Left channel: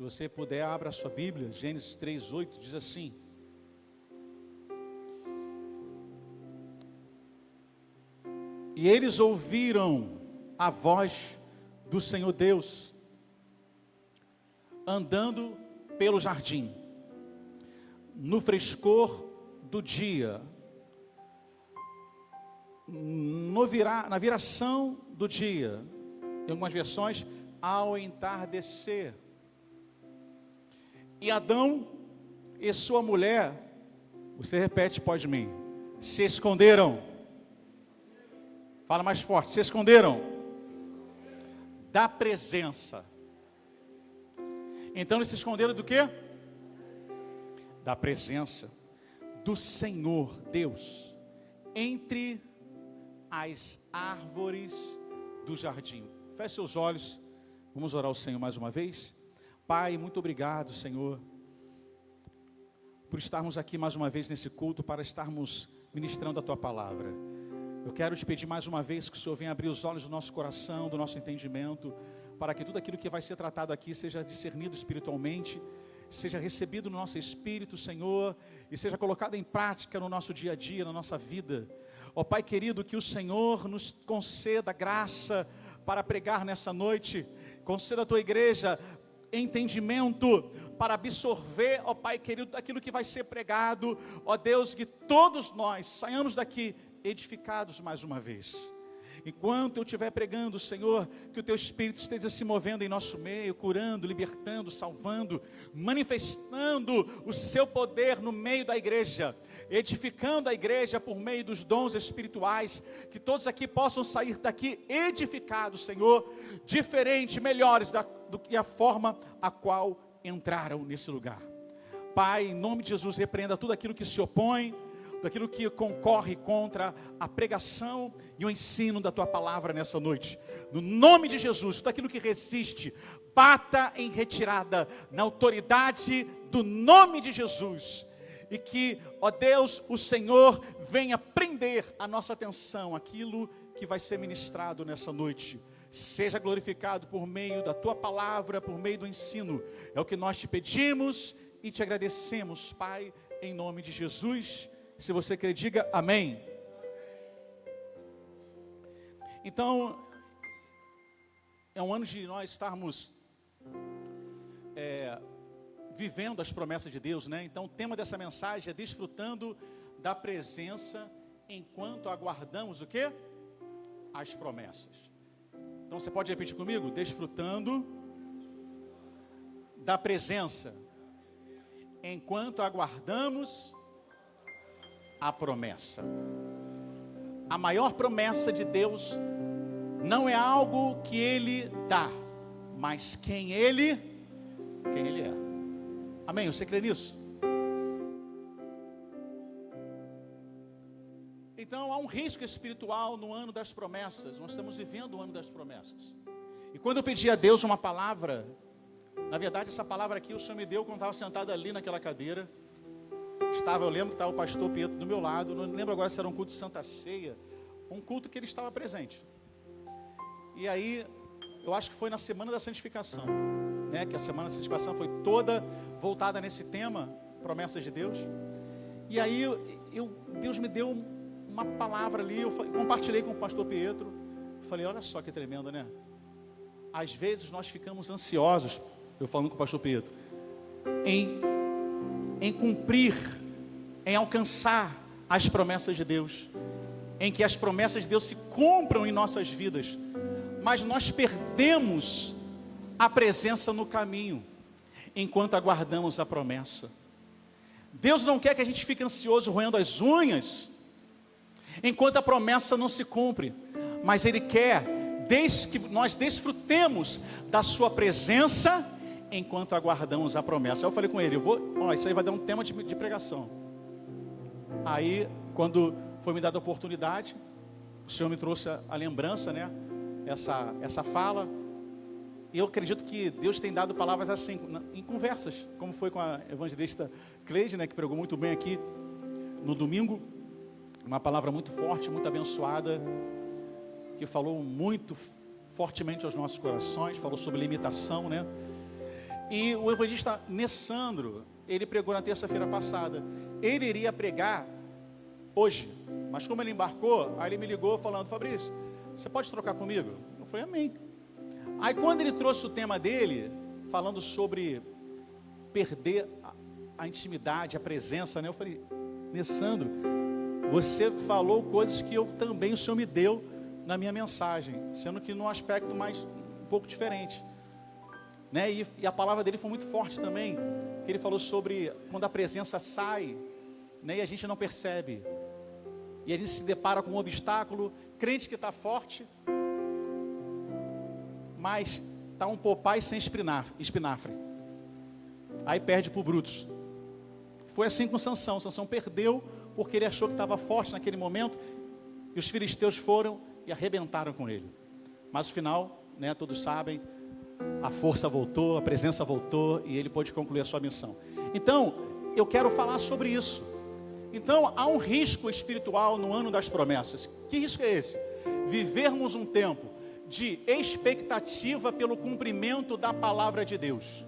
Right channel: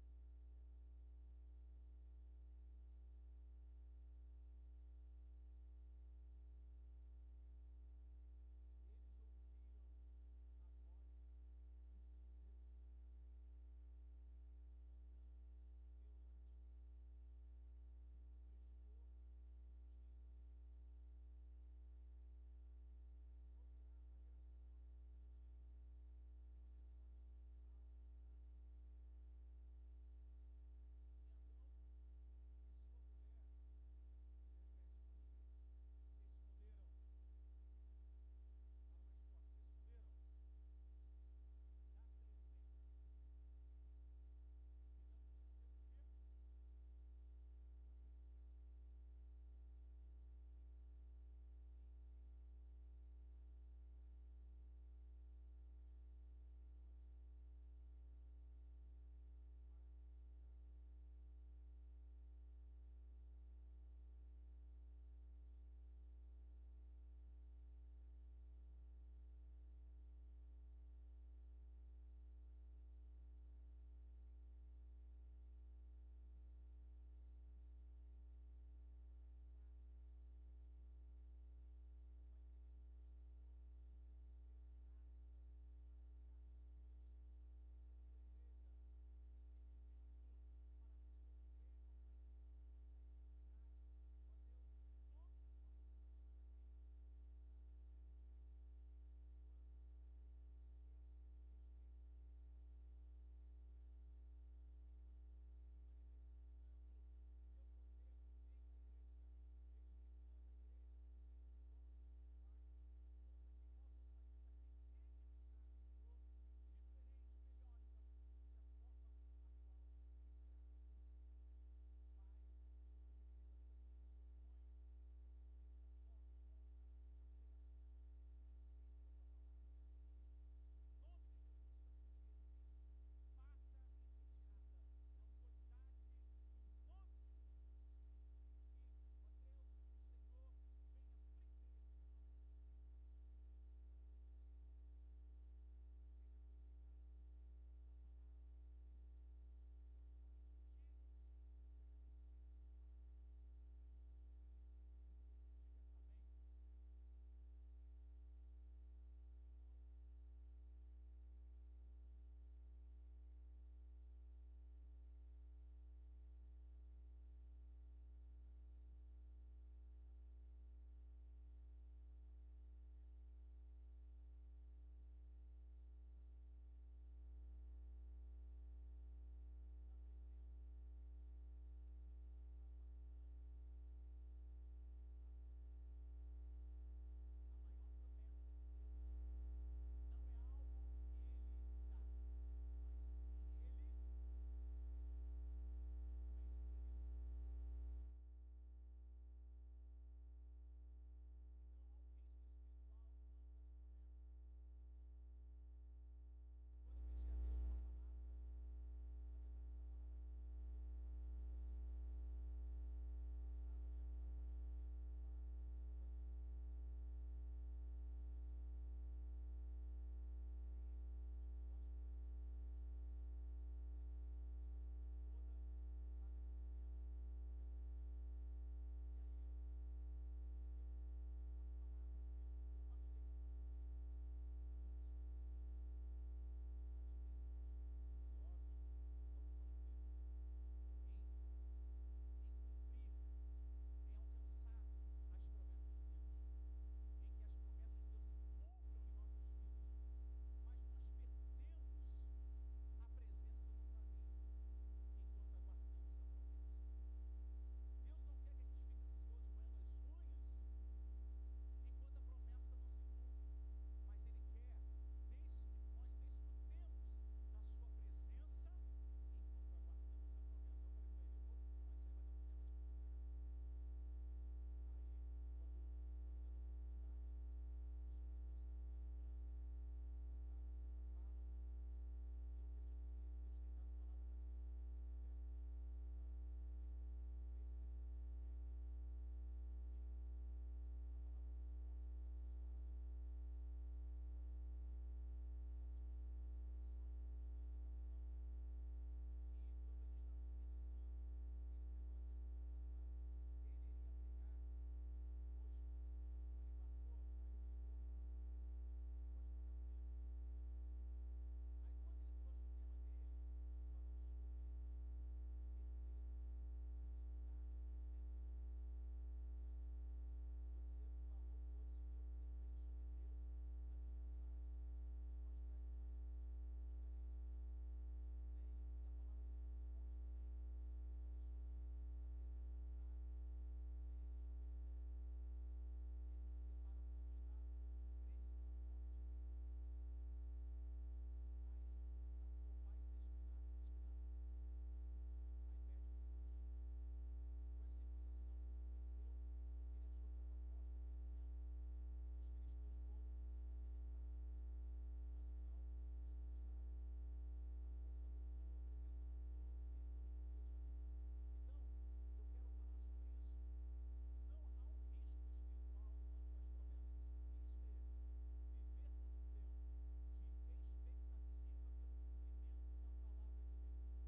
Se você puder, abra a sua Bíblia. Gênesis 3:8 diz assim: e eles ouviram a voz do Senhor Deus, andando pelo jardim, no frescor do dia, na viração do dia, em algumas versões, ao entardecer. E Adão e sua mulher, você repete após mim, se esconderam. Fala mais forte, se esconderam da presença. Então eles se esconderam do quê? Da presença do Senhor Deus, entre as árvores do jardim. Feche seus olhos, vamos orar ao Senhor mais uma vez. Pai, muito obrigado, Senhor, por estarmos aqui mais uma vez nesse culto, para estarmos ministrando a Tua palavra. Eu quero te pedir mais uma vez que o Senhor venha abrir os olhos do nosso coração, do nosso entendimento, para que tudo aquilo que vai ser tratado aqui seja discernido espiritualmente, seja recebido no nosso espírito, Senhor, e seja colocado em prática no nosso dia a dia, na nossa vida. Ó Pai querido, que o Senhor nos conceda graça para pregar nessa noite, conceda à Tua igreja entendimento para absorver, ó Pai querido, aquilo que vai ser pregado. Ó Deus, que todos nós saiamos daqui edificados mais uma vez. Enquanto eu estiver pregando, Senhor, que o Teu Espírito esteja se movendo em nosso meio, curando, libertando, salvando, manifestando o Seu poder no meio da igreja, edificando a igreja por meio dos dons espirituais, que todos aqui possam sair daqui edificados, Senhor, diferentes, melhores do que a forma a qual entraram nesse lugar. Pai, em nome de Jesus, repreenda tudo aquilo que se opõe, daquilo que concorre contra a pregação e o ensino da Tua palavra nessa noite. No nome de Jesus, tudo aquilo que resiste, bata em retirada, na autoridade do nome de Jesus. E que, ó Deus, o Senhor venha prender a nossa atenção, aquilo que vai ser ministrado nessa noite. Seja glorificado por meio da Tua palavra, por meio do ensino. É o que nós te pedimos e te agradecemos, Pai, em nome de Jesus. Se você crê, diga amém. Então, é um ano de nós estarmos vivendo as promessas de Deus, né? Então o tema dessa mensagem é desfrutando da presença enquanto aguardamos o quê? As promessas. Então você pode repetir comigo? Desfrutando da presença enquanto aguardamos a promessa. A maior promessa de Deus não é algo que Ele dá, mas quem Ele é. Amém? Você crê nisso? Então há um risco espiritual no ano das promessas. Nós estamos vivendo o ano das promessas. E quando eu pedi a Deus uma palavra, na verdade essa palavra aqui o Senhor me deu quando estava sentado ali naquela cadeira. Eu lembro que estava o pastor Pietro do meu lado, não lembro agora se era um culto de Santa Ceia, um culto que ele estava presente. E aí, eu acho que foi na Semana da Santificação, né? Que a Semana da Santificação foi toda voltada nesse tema, promessas de Deus. E aí, Deus me deu uma palavra ali, eu compartilhei com o pastor Pietro, falei, olha só que tremendo, né? Às vezes nós ficamos ansiosos, eu falando com o pastor Pietro, em cumprir, em alcançar as promessas de Deus, em que as promessas de Deus se cumpram em nossas vidas, mas nós perdemos a presença no caminho, enquanto aguardamos a promessa. Deus não quer que a gente fique ansioso, roendo as unhas, enquanto a promessa não se cumpre, mas Ele quer que nós desfrutemos da Sua presença, enquanto aguardamos a promessa. Eu falei com ele, isso aí vai dar um tema de pregação. Aí, quando foi me dada a oportunidade, o Senhor me trouxe a lembrança, né? Essa fala. E eu acredito que Deus tem dado palavras assim, em conversas, como foi com a evangelista Cleide, né? Que pregou muito bem aqui no domingo. Uma palavra muito forte, muito abençoada, que falou muito fortemente aos nossos corações, falou sobre limitação, né? E o evangelista Nessandro, ele pregou na terça-feira passada. Ele iria pregar hoje, mas como ele embarcou, aí ele me ligou falando: Fabrício, você pode trocar comigo? Eu falei: amém. Aí quando ele trouxe o tema dele, falando sobre perder a intimidade, a presença, né? Eu falei: Nessandro, você falou coisas que o Senhor me deu na minha mensagem, sendo que num aspecto mais um pouco diferente, né? E a palavra dele foi muito forte também, que ele falou sobre quando a presença sai, né? E a gente não percebe, e a gente se depara com um obstáculo, crente que está forte, mas está um Popeye sem espinafre, aí perde para o Brutus. Foi assim com Sansão. Sansão perdeu porque ele achou que estava forte naquele momento, e os filisteus foram e arrebentaram com ele. Mas no final, né, todos sabem, a força voltou, a presença voltou, e ele pôde concluir a sua missão. Então, eu quero falar sobre isso. Então, há um risco espiritual no ano das promessas. Que risco é esse? Vivermos um tempo de expectativa pelo cumprimento da palavra de Deus.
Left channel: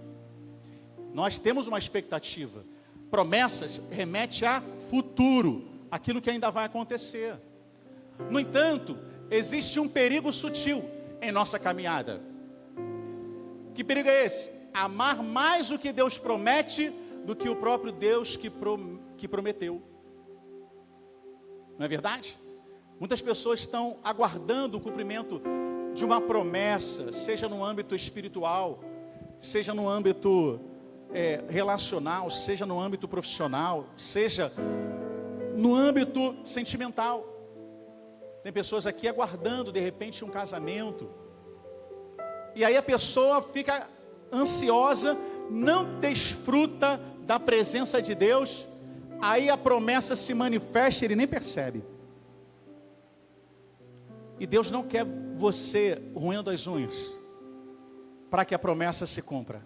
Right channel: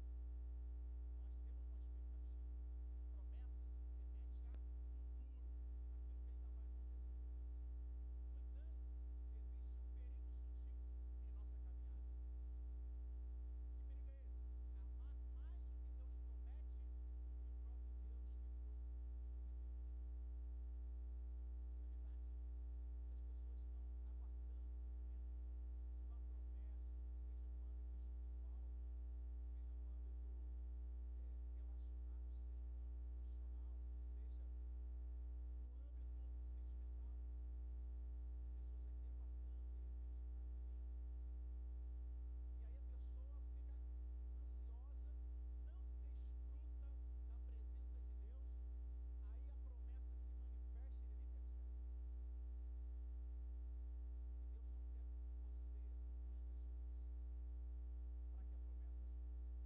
Nós temos uma expectativa. Promessas remete a futuro, aquilo que ainda vai acontecer. No entanto, existe um perigo sutil em nossa caminhada. Que perigo é esse? Amar mais o que Deus promete do que o próprio Deus que prometeu. Não é verdade? Muitas pessoas estão aguardando o cumprimento de uma promessa, seja no âmbito espiritual, seja no âmbito relacional, seja no âmbito profissional, seja no âmbito sentimental. Tem pessoas aqui aguardando de repente um casamento, e aí a pessoa fica ansiosa, não desfruta da presença de Deus, aí a promessa se manifesta e ele nem percebe. E Deus não quer você roendo as unhas para que a promessa se cumpra.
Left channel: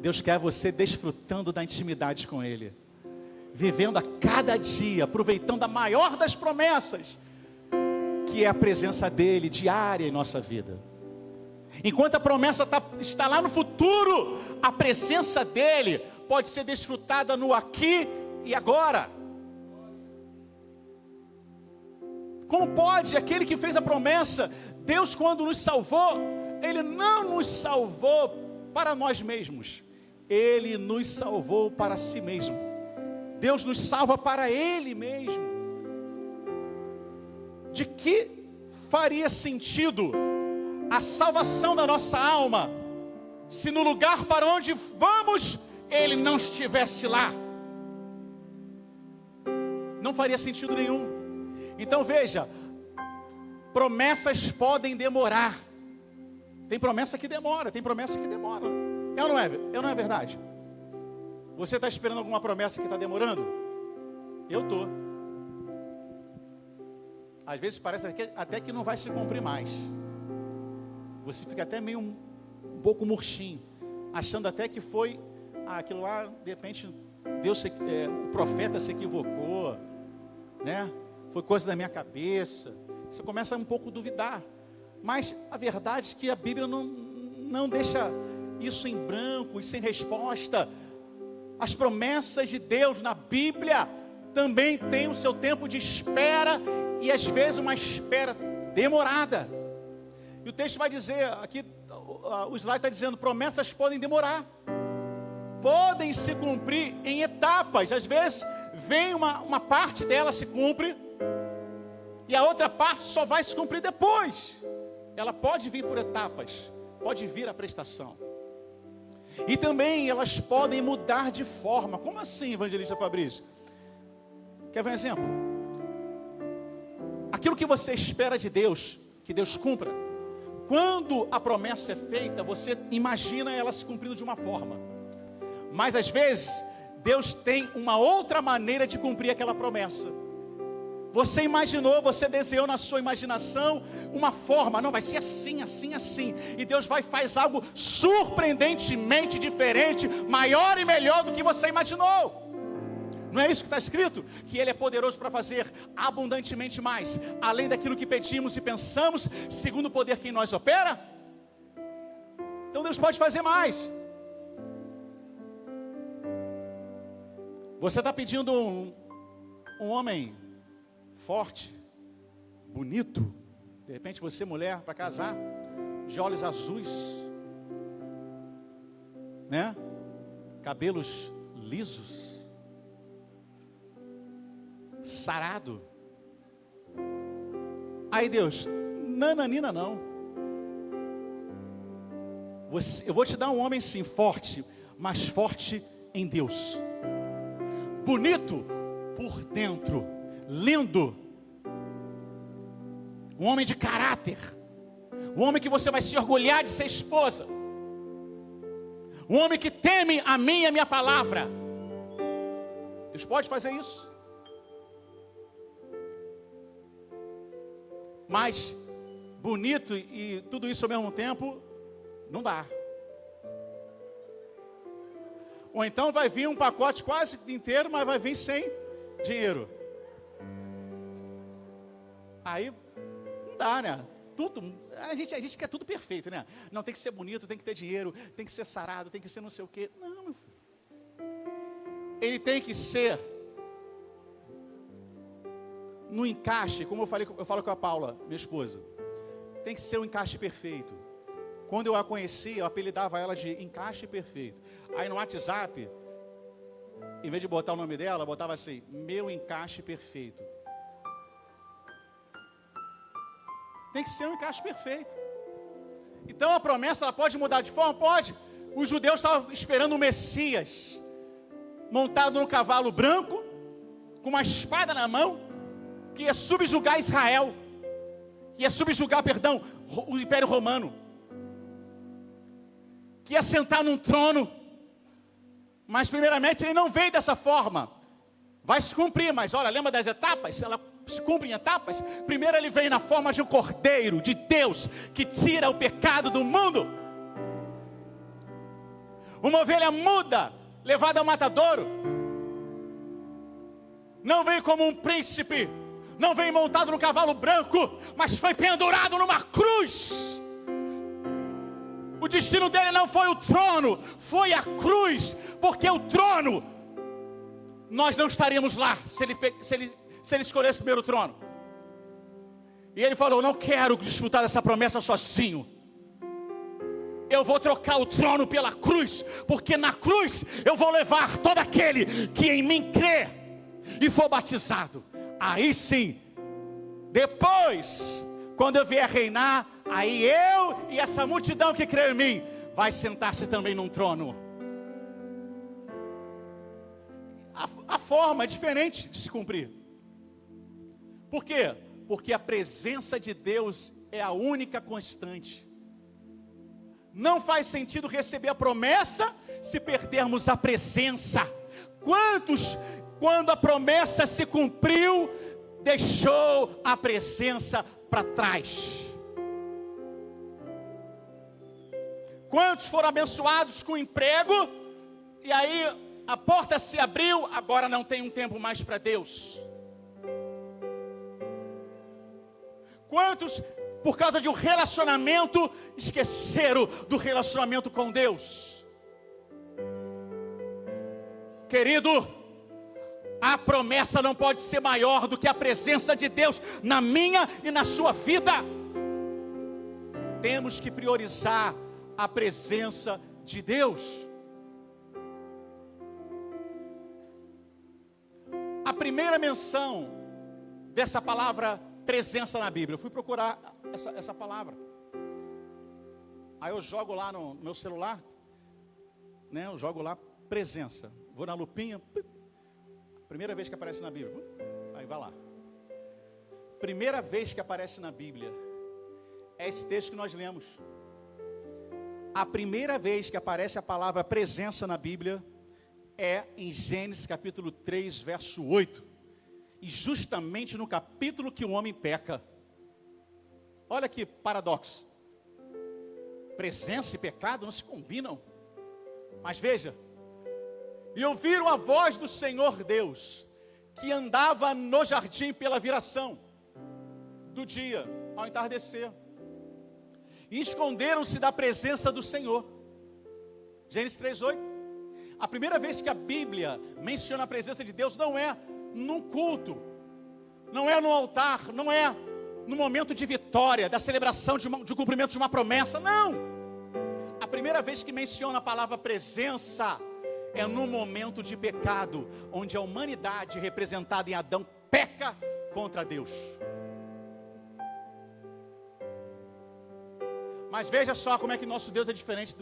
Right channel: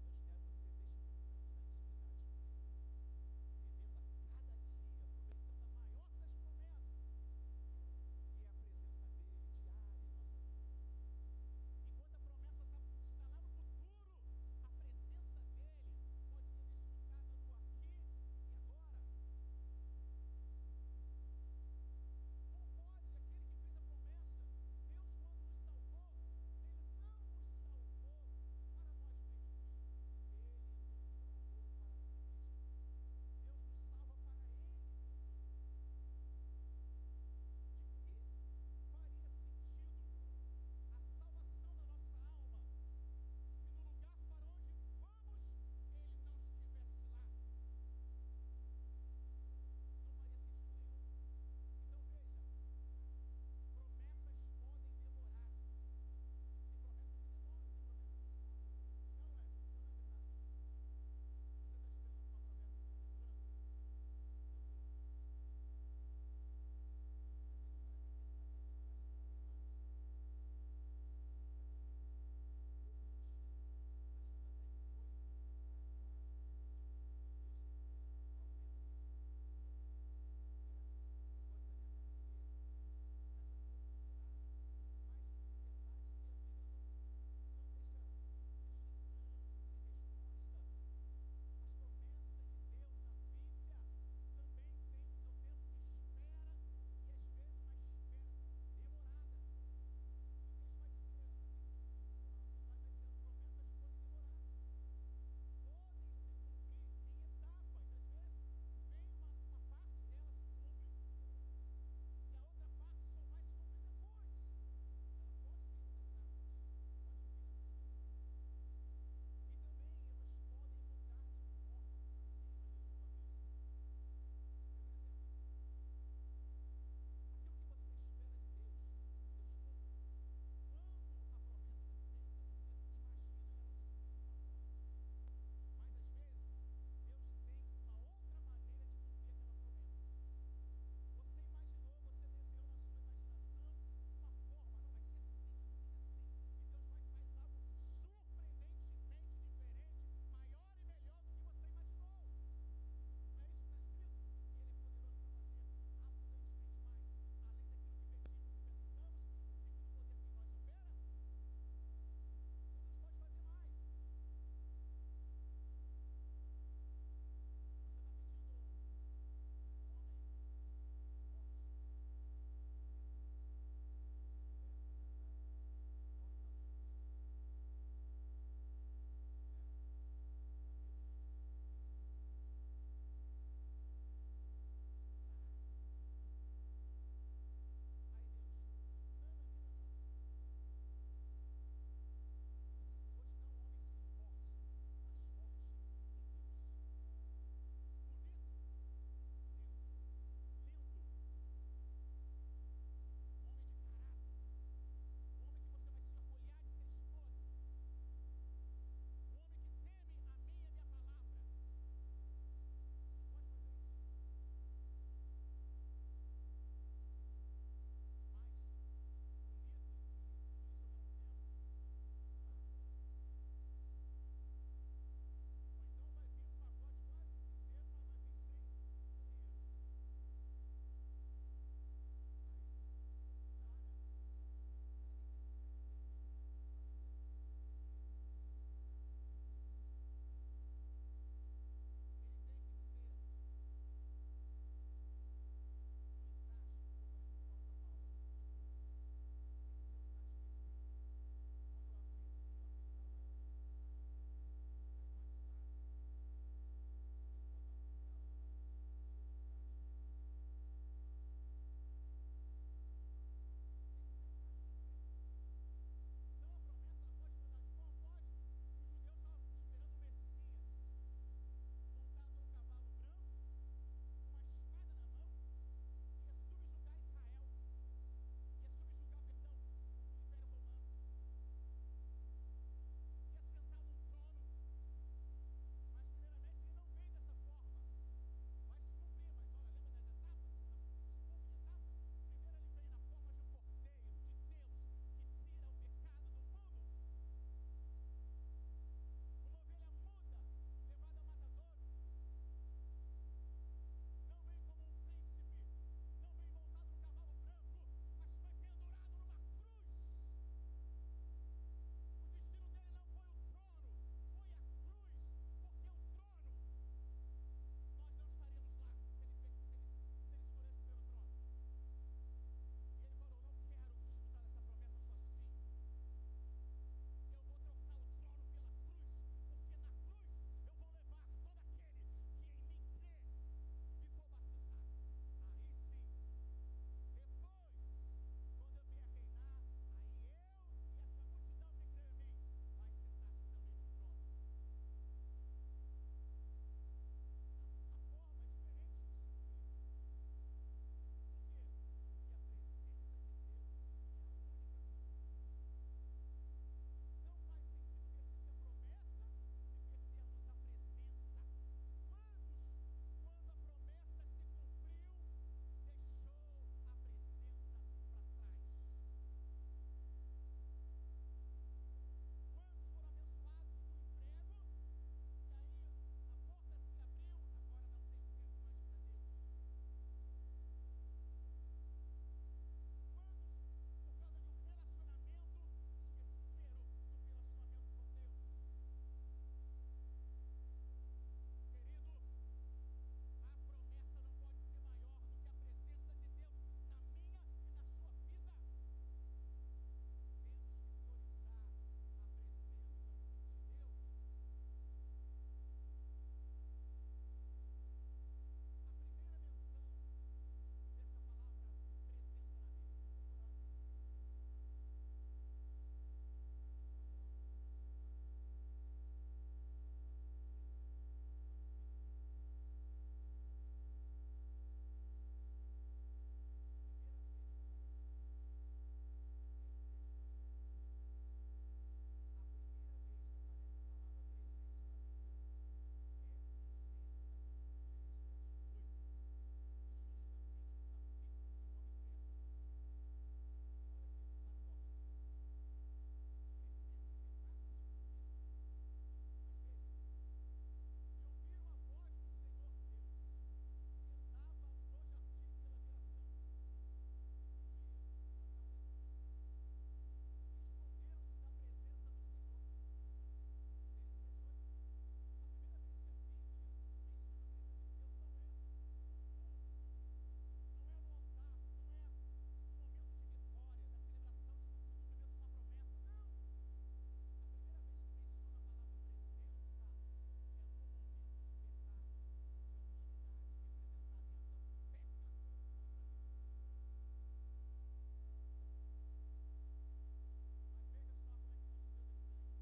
Deus quer você desfrutando da intimidade com Ele, vivendo a cada dia, aproveitando a maior das promessas, que é a presença dEle diária em nossa vida. Enquanto a promessa está lá no futuro, a presença dEle pode ser desfrutada no aqui e agora. Como pode aquele que fez a promessa? Deus, quando nos salvou, Ele não nos salvou para nós mesmos, Ele nos salvou para si mesmo. Deus nos salva para Ele mesmo. De que faria sentido a salvação da nossa alma se no lugar para onde vamos Ele não estivesse lá? Não faria sentido nenhum. Então veja, promessas podem demorar. Tem promessa que demora, tem promessa que demora. É ou não é verdade? Você está esperando alguma promessa que está demorando? Eu estou. Às vezes parece até que não vai se cumprir mais. Você fica até meio um pouco murchinho, achando até que foi aquilo lá, de repente o profeta se equivocou, né? Foi coisa da minha cabeça. Você começa a um pouco duvidar. Mas a verdade é que a Bíblia não deixa isso em branco e sem resposta. As promessas de Deus na Bíblia também têm o seu tempo de espera, e às vezes uma espera demorada. E o texto vai dizer, aqui o slide está dizendo, promessas podem demorar, podem se cumprir em etapas. Às vezes vem uma parte dela se cumpre, e a outra parte só vai se cumprir depois. Ela pode vir por etapas, pode vir a prestação. E também elas podem mudar de forma. Como assim, evangelista Fabrício? Quer ver um exemplo? Aquilo que você espera de Deus, que Deus cumpra, quando a promessa é feita, você imagina ela se cumprindo de uma forma. Mas às vezes, Deus tem uma outra maneira de cumprir aquela promessa. Você imaginou, você desenhou na sua imaginação uma forma, não, vai ser assim, assim, assim. E Deus vai e faz algo surpreendentemente diferente, maior e melhor do que você imaginou. Não é isso que está escrito? Que Ele é poderoso para fazer abundantemente mais, além daquilo que pedimos e pensamos, segundo o poder que em nós opera. Então Deus pode fazer mais. Você está pedindo um homem forte, bonito, de repente você, mulher, para casar, de olhos azuis, né? Cabelos lisos, sarado. Aí Deus, nananina não. Eu vou te dar um homem sim, forte, mas forte em Deus. Bonito por dentro, lindo. Um homem de caráter. Um homem que você vai se orgulhar de ser esposa. Um homem que teme a mim e a minha palavra. Deus pode fazer isso. Mas bonito e tudo isso ao mesmo tempo, não dá. Ou então vai vir um pacote quase inteiro, mas vai vir sem dinheiro. Aí não dá, né? Tudo, a gente quer tudo perfeito, né? Não, tem que ser bonito, tem que ter dinheiro, tem que ser sarado, tem que ser não sei o quê. Não, meu filho. Ele tem que ser no encaixe, como eu falo com a Paula, minha esposa. Tem que ser um encaixe perfeito. Quando eu a conheci, eu apelidava ela de encaixe perfeito. Aí no WhatsApp, em vez de botar o nome dela, eu botava assim, meu encaixe perfeito. Tem que ser um encaixe perfeito. Então a promessa, ela pode mudar de forma? Pode. Os judeus estavam esperando o Messias, montado num cavalo branco, com uma espada na mão, que ia subjugar Israel, que ia subjugar, o Império Romano, que ia sentar num trono. Mas primeiramente ele não veio dessa forma. Vai se cumprir, mas olha, lembra das etapas? Ela se cumpre em etapas. Primeiro ele veio na forma de um cordeiro de Deus, que tira o pecado do mundo. Uma ovelha muda, levada ao matadouro. Não veio como um príncipe, não veio montado no cavalo branco, mas foi pendurado numa cruz. O destino dele não foi o trono, foi a cruz, porque o trono, nós não estaríamos lá, se ele escolhesse primeiro o trono. E ele falou, não quero desfrutar dessa promessa sozinho. Eu vou trocar o trono pela cruz, porque na cruz eu vou levar todo aquele que em mim crê e for batizado. Aí sim, depois, quando eu vier reinar, aí eu e essa multidão que crê em mim, vai sentar-se também num trono. A forma é diferente de se cumprir. Por quê? Porque a presença de Deus é a única constante. Não faz sentido receber a promessa se perdermos a presença. Quantos, quando a promessa se cumpriu, deixou a presença para trás? Quantos foram abençoados com emprego, e aí a porta se abriu, agora não tem um tempo mais para Deus? Quantos, por causa de um relacionamento, esqueceram do relacionamento com Deus? Querido, a promessa não pode ser maior do que a presença de Deus na minha e na sua vida. Temos que priorizar a presença de Deus. A primeira menção dessa palavra presença na Bíblia, eu fui procurar essa palavra. Aí eu jogo lá no meu celular, né? Eu jogo lá presença. Vou na lupinha, primeira vez que aparece na Bíblia. Aí vai lá. Primeira vez que aparece na Bíblia é esse texto que nós lemos. A primeira vez que aparece a palavra presença na Bíblia é em Gênesis capítulo 3, verso 8. E justamente no capítulo que o homem peca. Olha que paradoxo. Presença e pecado não se combinam. Mas veja. E ouviram a voz do Senhor Deus, que andava no jardim pela viração do dia, ao entardecer. E esconderam-se da presença do Senhor. Gênesis 3:8. A primeira vez que a Bíblia menciona a presença de Deus não é num culto, não é no altar, não é no momento de vitória, da celebração de cumprimento de uma promessa, não. A primeira vez que menciona a palavra presença é no momento de pecado, onde a humanidade representada em Adão peca contra Deus. Mas veja só como é que nosso Deus é diferente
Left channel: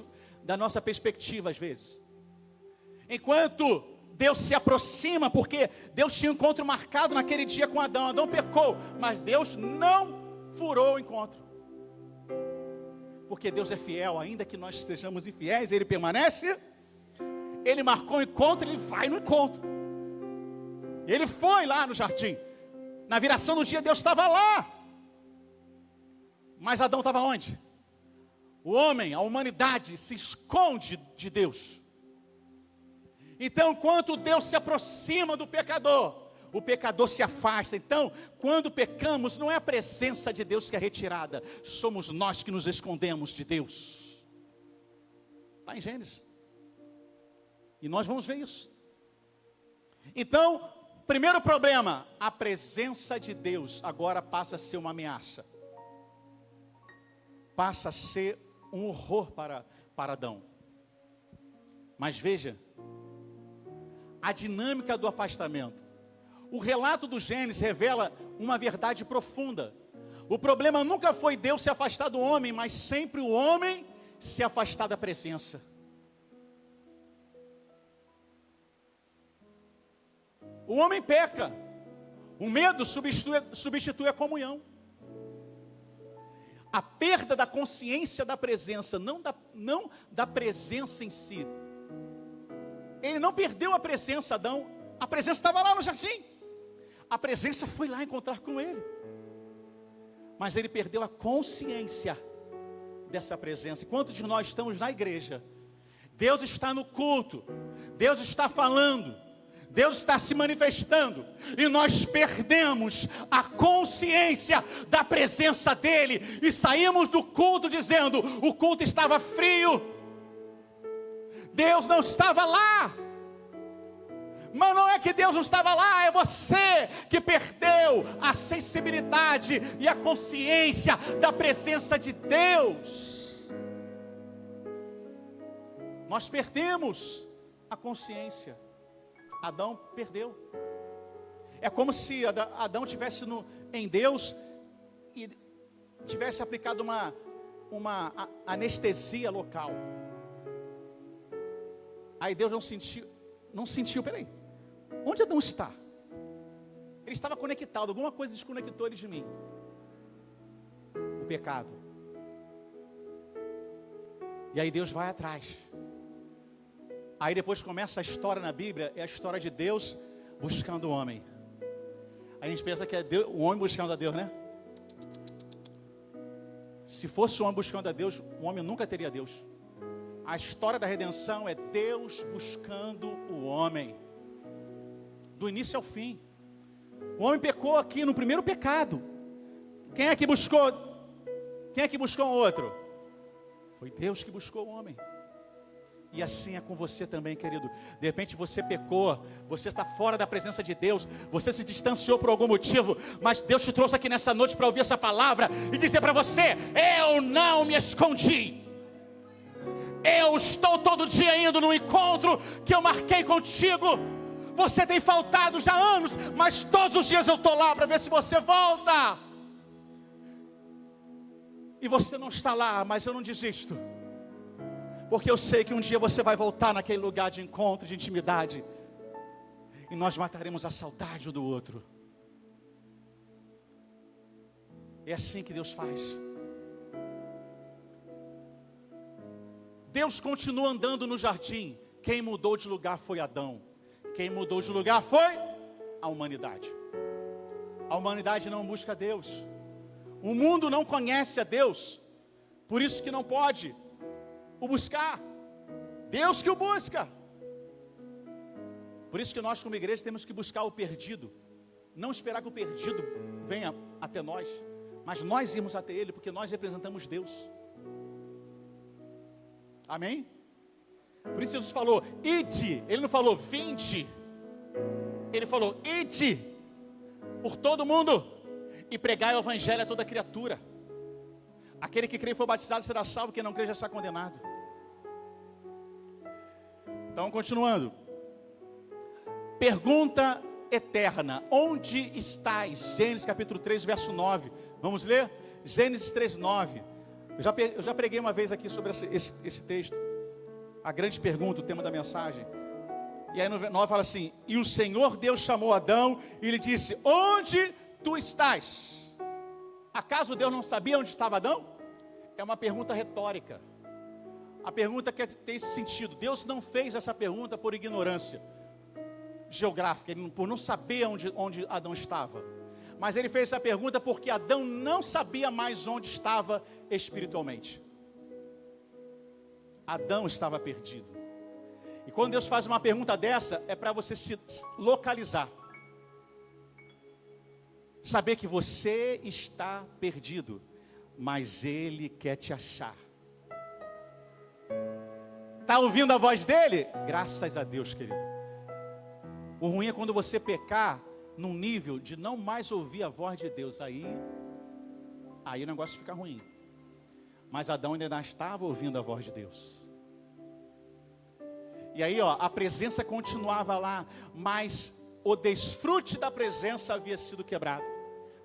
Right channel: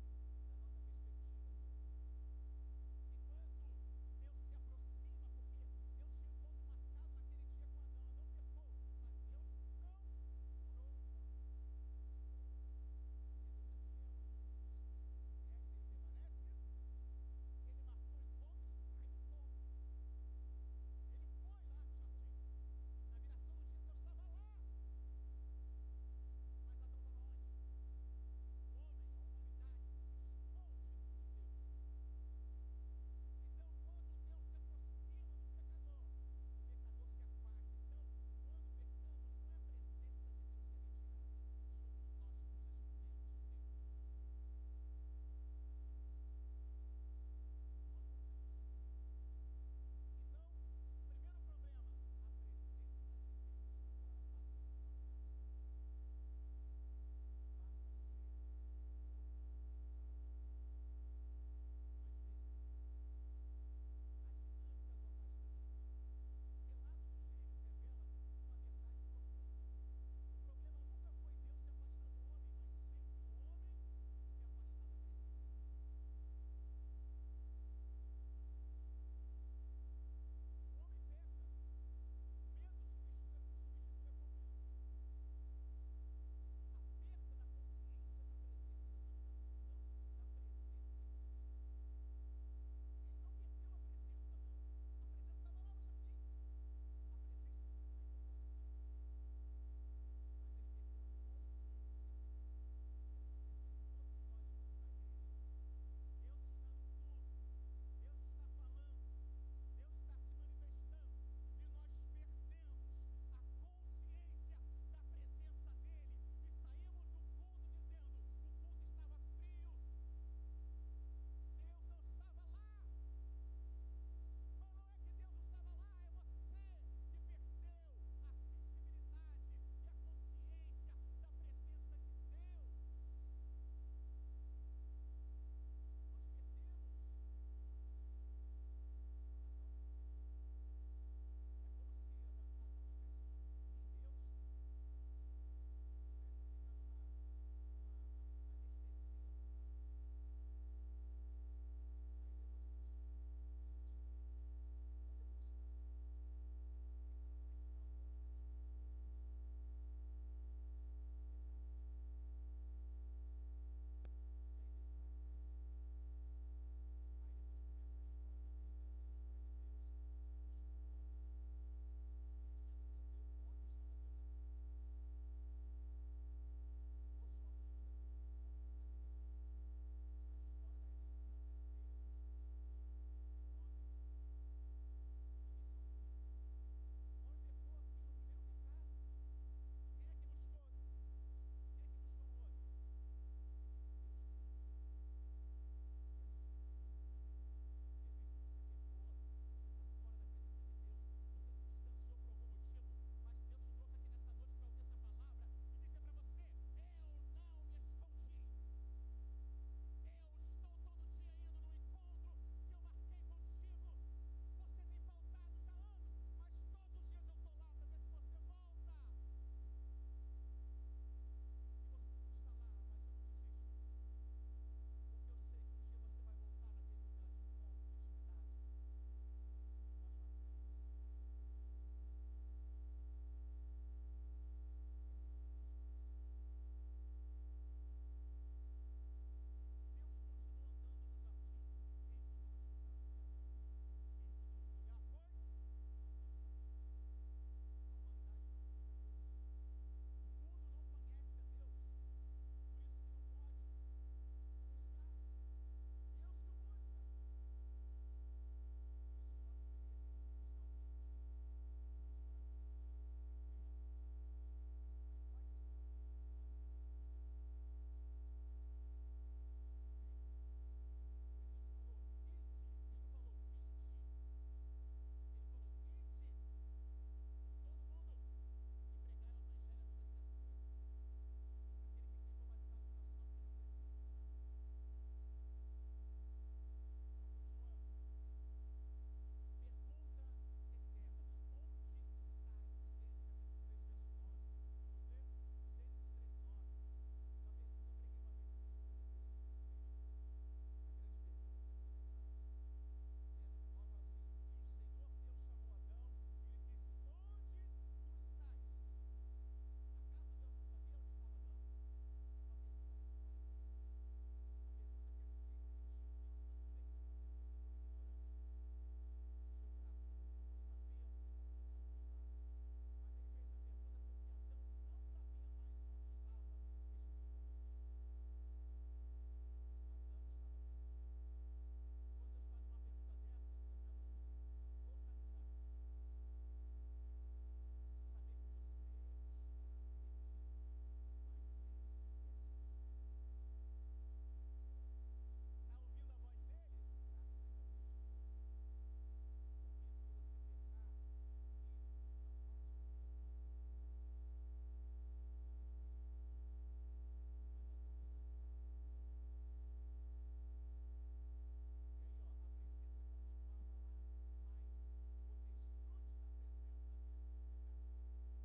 da nossa perspectiva às vezes. Enquanto Deus se aproxima, porque Deus tinha um encontro marcado naquele dia com Adão. Adão pecou, mas Deus não furou o encontro. Porque Deus é fiel, ainda que nós sejamos infiéis, Ele permanece. Ele marcou o encontro, Ele vai no encontro. Ele foi lá no jardim. Na viração do dia, Deus estava lá. Mas Adão estava onde? O homem, a humanidade, se esconde de Deus. Então, quando Deus se aproxima do pecador, o pecador se afasta. Então, quando pecamos, não é a presença de Deus que é retirada, somos nós que nos escondemos de Deus. Está em Gênesis. E nós vamos ver isso. Então, primeiro problema, a presença de Deus agora passa a ser uma ameaça. Passa a ser um horror para Adão. Mas veja, a dinâmica do afastamento. O relato do Gênesis revela uma verdade profunda. O problema nunca foi Deus se afastar do homem, mas sempre o homem se afastar da presença. O homem peca. O medo substitui a comunhão. A perda da consciência da presença, não da presença em si. Ele não perdeu a presença, Adão. A presença estava lá no jardim. A presença foi lá encontrar com ele. Mas ele perdeu a consciência dessa presença. Enquanto de nós estamos na igreja, Deus está no culto, Deus está falando, Deus está se manifestando, e nós perdemos a consciência da presença dele, e saímos do culto dizendo, o culto estava frio, Deus não estava lá. Mas não é que Deus não estava lá, é você que perdeu a sensibilidade e a consciência da presença de Deus. Nós perdemos a consciência. Adão perdeu. É como se Adão tivesse em Deus e tivesse aplicado uma anestesia local. Aí Deus não sentiu, peraí, onde Adão está? Ele estava conectado, alguma coisa desconectou ele de mim. O pecado. E aí Deus vai atrás. Aí depois começa a história na Bíblia, é a história de Deus buscando o homem. A gente pensa que é Deus, o homem buscando a Deus, né? Se fosse o homem buscando a Deus, o homem nunca teria Deus. A história da redenção é Deus buscando o homem. Do início ao fim. O homem pecou aqui no primeiro pecado. Quem é que buscou? Quem é que buscou o outro? Foi Deus que buscou o homem. E assim é com você também, querido. De repente você pecou, você está fora da presença de Deus, você se distanciou por algum motivo, mas Deus te trouxe aqui nessa noite para ouvir essa palavra e dizer para você: eu não me escondi. Eu estou todo dia indo no encontro que eu marquei contigo. Você tem faltado já há anos, mas todos os dias eu estou lá para ver se você volta. E você não está lá, mas eu não desisto. Porque eu sei que um dia você vai voltar naquele lugar de encontro, de intimidade. E nós mataremos a saudade um do outro. É assim que Deus faz. Deus continua andando no jardim. Quem mudou de lugar foi Adão. Quem mudou de lugar foi a humanidade. A humanidade não busca Deus. O mundo não conhece a Deus. Por isso que não pode o buscar. Deus que o busca. Por isso que nós como igreja temos que buscar o perdido. Não esperar que o perdido venha até nós, mas nós irmos até ele, porque nós representamos Deus. Amém? Por isso Jesus falou, ide. Ele não falou, vinde. Ele falou, ide por todo mundo e pregai o evangelho a toda criatura. Aquele que crê e for batizado será salvo, quem não crê já está condenado. Então, continuando. Pergunta eterna, onde estás? Gênesis capítulo 3, verso 9. Vamos ler? Gênesis 3, 9. Eu já preguei uma vez aqui sobre esse texto. A grande pergunta, o tema da mensagem. E aí no 9 fala assim, e o Senhor Deus chamou Adão e lhe disse, onde tu estás? Acaso Deus não sabia onde estava Adão? É uma pergunta retórica. A pergunta quer ter esse sentido. Deus não fez essa pergunta por ignorância geográfica, por não saber onde Adão estava. Mas ele fez essa pergunta porque Adão não sabia mais onde estava espiritualmente. Adão estava perdido. E quando Deus faz uma pergunta dessa, é para você se localizar. Saber que você está perdido, mas Ele quer te achar. Está ouvindo a voz dele? Graças a Deus, querido. O ruim é quando você pecar num nível de não mais ouvir a voz de Deus. Aí o negócio fica ruim. Mas Adão ainda estava ouvindo a voz de Deus. E aí, a presença continuava lá, mas o desfrute da presença havia sido quebrado.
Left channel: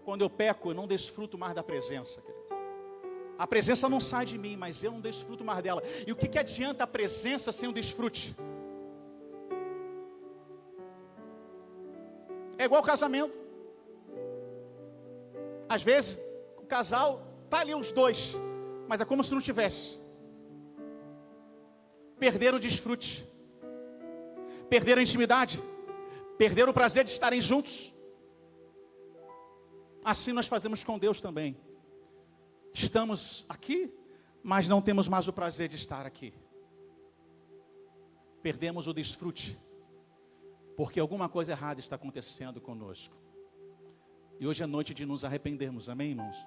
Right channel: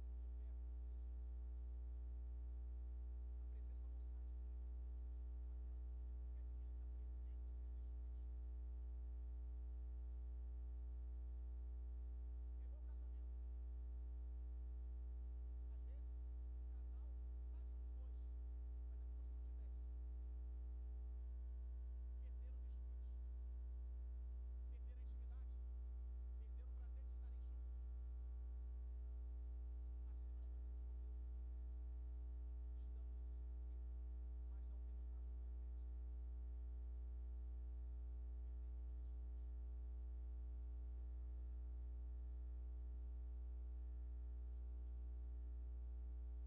Quando eu peco, eu não desfruto mais da presença, querido. A presença não sai de mim, mas eu não desfruto mais dela. E o que adianta a presença sem o desfrute? É igual casamento. Às vezes, o casal está ali os dois, mas é como se não tivesse. Perderam o desfrute, perderam a intimidade, perderam o prazer de estarem juntos. Assim nós fazemos com Deus também. Estamos aqui, mas não temos mais o prazer de estar aqui. Perdemos o desfrute, porque alguma coisa errada está acontecendo conosco. E hoje é noite de nos arrependermos, amém, irmãos?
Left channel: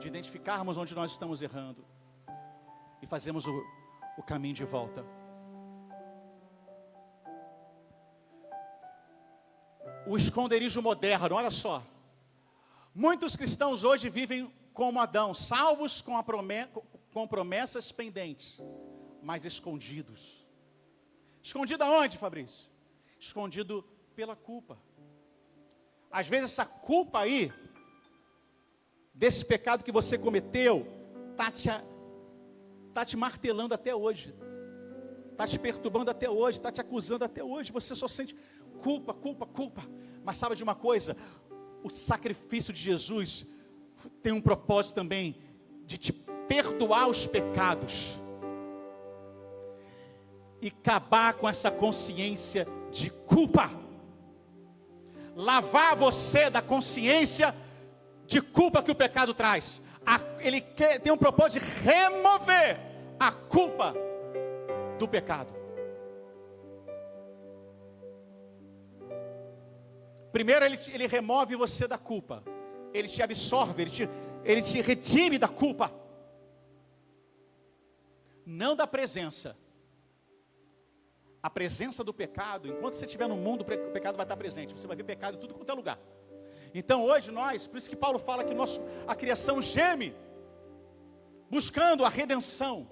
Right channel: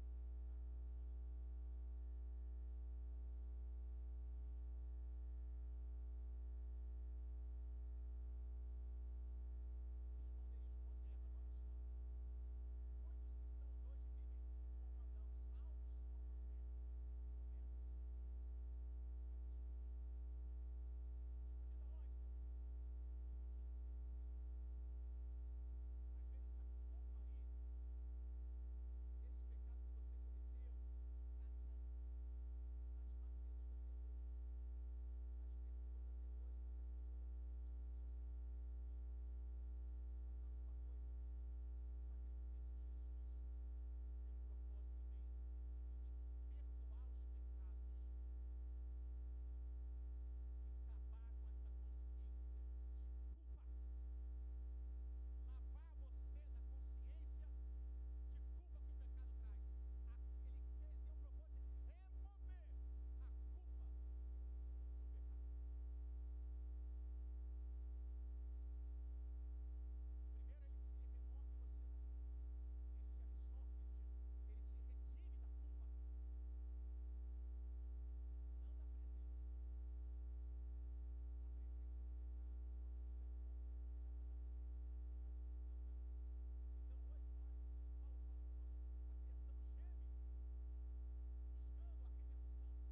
De identificarmos onde nós estamos errando e fazermos o caminho de volta. O esconderijo moderno, olha só. Muitos cristãos hoje vivem como Adão, salvos com promessas pendentes, mas escondidos. Escondido aonde, Fabrício? Escondido pela culpa. Às vezes essa culpa aí, desse pecado que você cometeu, está te martelando até hoje, está te perturbando até hoje, está te acusando até hoje. Você só sente culpa, culpa, culpa. Mas sabe de uma coisa? O sacrifício de Jesus tem um propósito também de te perdoar os pecados e acabar com essa consciência de culpa. Lavar você da consciência de culpa que o pecado traz. Ele tem um propósito de remover a culpa do pecado. Primeiro ele remove você da culpa. Ele te absorve, ele te retire da culpa. Não da presença. A presença do pecado, enquanto você estiver no mundo, o pecado vai estar presente. Você vai ver pecado em tudo quanto é lugar. Então hoje por isso que Paulo fala que a criação geme, buscando a redenção.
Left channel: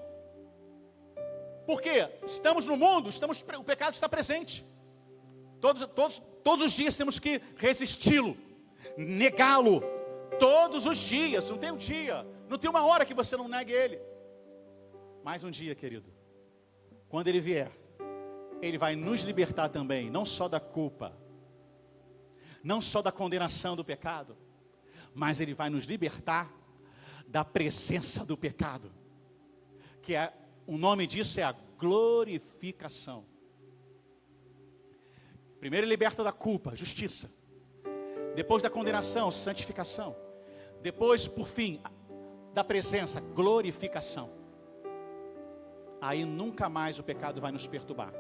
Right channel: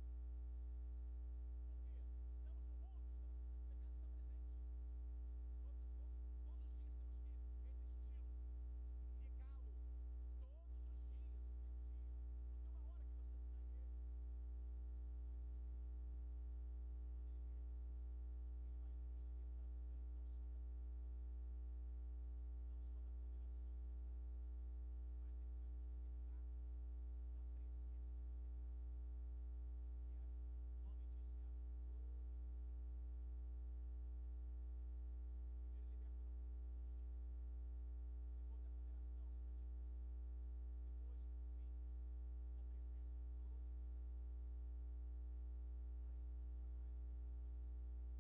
Por quê? Estamos no mundo, o pecado está presente. Todos os dias temos que resisti-lo, negá-lo, todos os dias. Não tem um dia, não tem uma hora que você não negue ele. Mas um dia, querido, quando ele vier, ele vai nos libertar também, não só da culpa, não só da condenação do pecado, mas ele vai nos libertar da presença do pecado, que o nome disso é a glorificação. Primeiro ele liberta da culpa, justiça. Depois da condenação, santificação. Depois, por fim, da presença, glorificação. Aí nunca mais o pecado vai nos perturbar.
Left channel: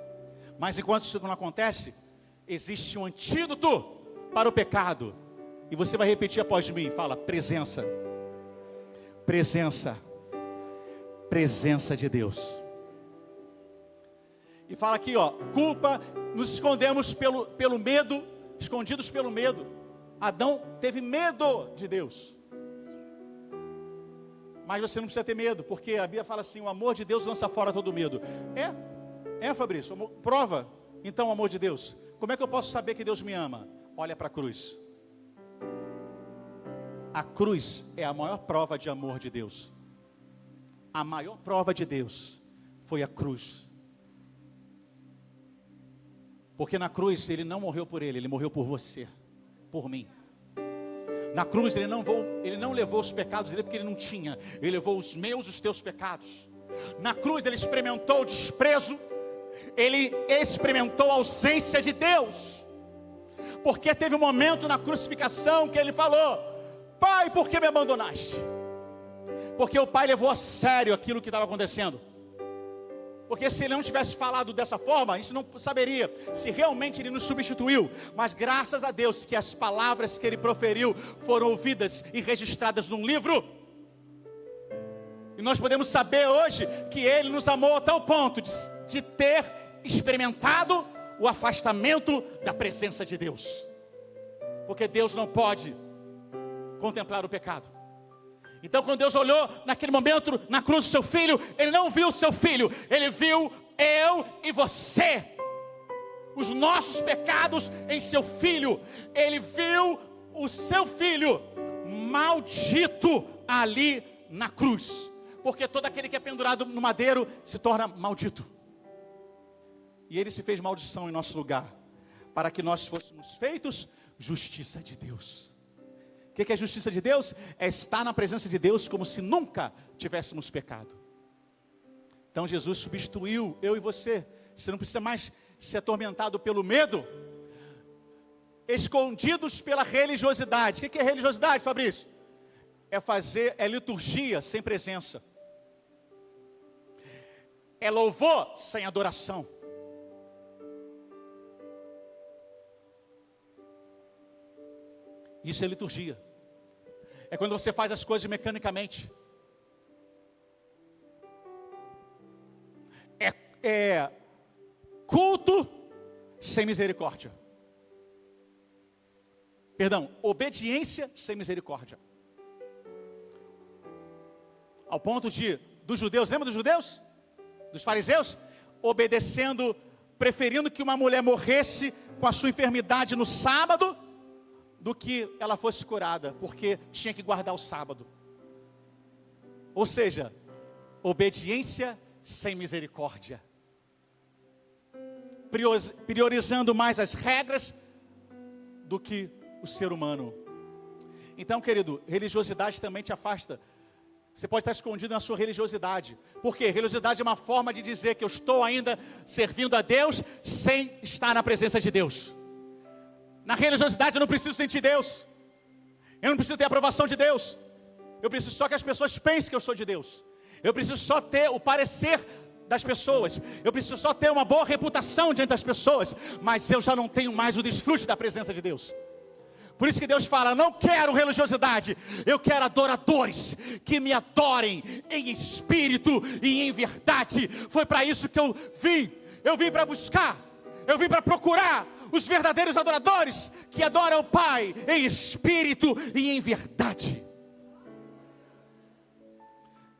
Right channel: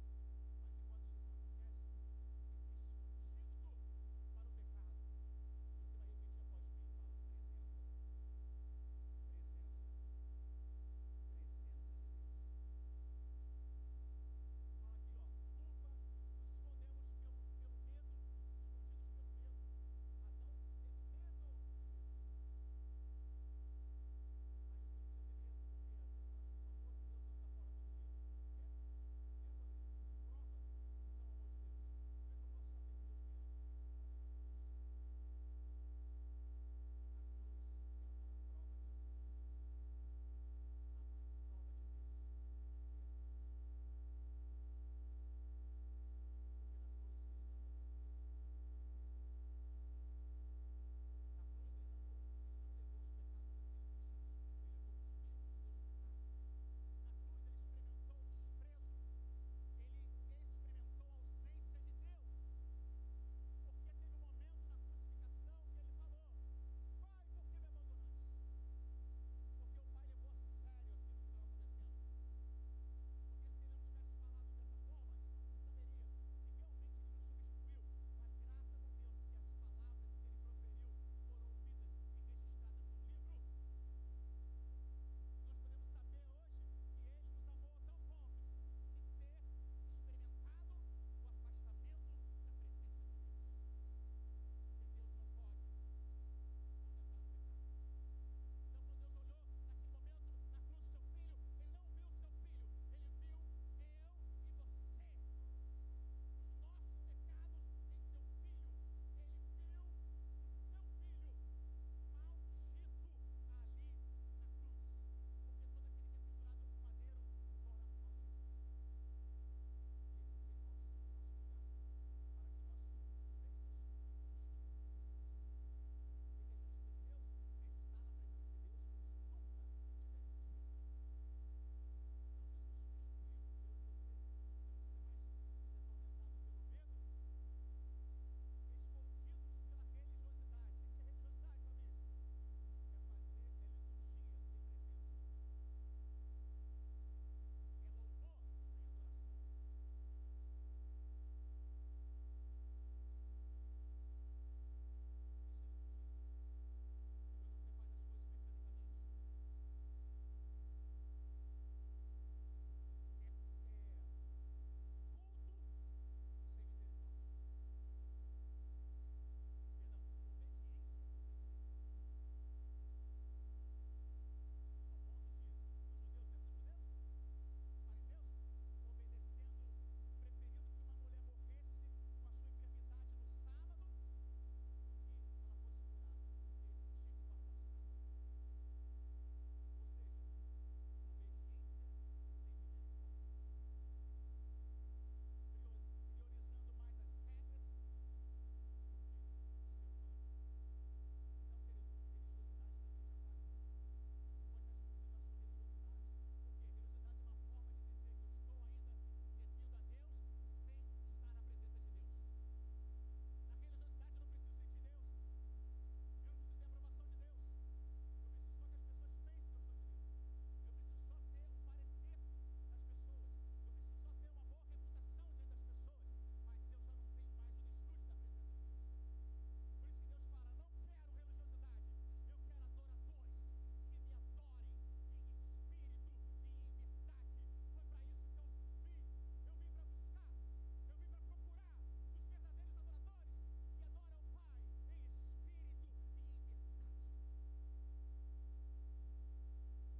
Mas enquanto isso não acontece, existe um antídoto para o pecado. E você vai repetir após mim, fala, presença. Presença. Presença de Deus. E fala aqui, ó, culpa, nos escondemos pelo medo, escondidos pelo medo. Adão teve medo de Deus. Mas você não precisa ter medo, porque a Bíblia fala assim, o amor de Deus lança fora todo medo. Fabrício, prova então o amor de Deus. Como é que eu posso saber que Deus me ama? Olha para a cruz. A cruz é a maior prova de amor de Deus. A maior prova de Deus foi a cruz. Porque na cruz ele não morreu por ele morreu por você, por mim. Na cruz ele não levou os pecados dele porque ele não tinha. Ele levou os meus, os teus pecados. Na cruz ele experimentou o desprezo. Ele experimentou a ausência de Deus. Porque teve um momento na crucificação que ele falou: Pai, por que me abandonaste? Porque o Pai levou a sério aquilo que estava acontecendo. Porque se ele não tivesse falado dessa forma, a gente não saberia se realmente ele nos substituiu. Mas graças a Deus que as palavras que ele proferiu foram ouvidas e registradas num livro. E nós podemos saber hoje que ele nos amou a tal ponto de ter experimentado o afastamento da presença de Deus. Porque Deus não pode contemplar o pecado. Então quando Deus olhou naquele momento na cruz do seu filho, ele não viu o seu filho, ele viu eu e você, os nossos pecados em seu filho. Ele viu o seu filho maldito ali na cruz, porque todo aquele que é pendurado no madeiro se torna maldito, e ele se fez maldição em nosso lugar, para que nós fôssemos feitos justiça de Deus. O que é a justiça de Deus? É estar na presença de Deus como se nunca tivéssemos pecado. Então Jesus substituiu eu e você. Você não precisa mais ser atormentado pelo medo, escondidos pela religiosidade. O que é religiosidade, Fabrício? É liturgia sem presença. É louvor sem adoração. Isso é liturgia. É quando você faz as coisas mecanicamente. É culto sem misericórdia. Perdão, obediência sem misericórdia. Ao ponto dos judeus, lembra dos judeus? Dos fariseus? Obedecendo, preferindo que uma mulher morresse com a sua enfermidade no sábado, do que ela fosse curada, porque tinha que guardar o sábado. Ou seja, obediência sem misericórdia, priorizando mais as regras do que o ser humano. Então, querido, religiosidade também te afasta. Você pode estar escondido na sua religiosidade. Por quê? Religiosidade é uma forma de dizer que eu estou ainda servindo a Deus sem estar na presença de Deus. Na religiosidade eu não preciso sentir Deus. Eu não preciso ter a aprovação de Deus. Eu preciso só que as pessoas pensem que eu sou de Deus. Eu preciso só ter o parecer das pessoas. Eu preciso só ter uma boa reputação diante das pessoas. Mas eu já não tenho mais o desfrute da presença de Deus. Por isso que Deus fala: não quero religiosidade, eu quero adoradores que me adorem em espírito e em verdade. Foi para isso que eu vim para buscar, eu vim para procurar os verdadeiros adoradores que adoram o Pai em espírito e em verdade.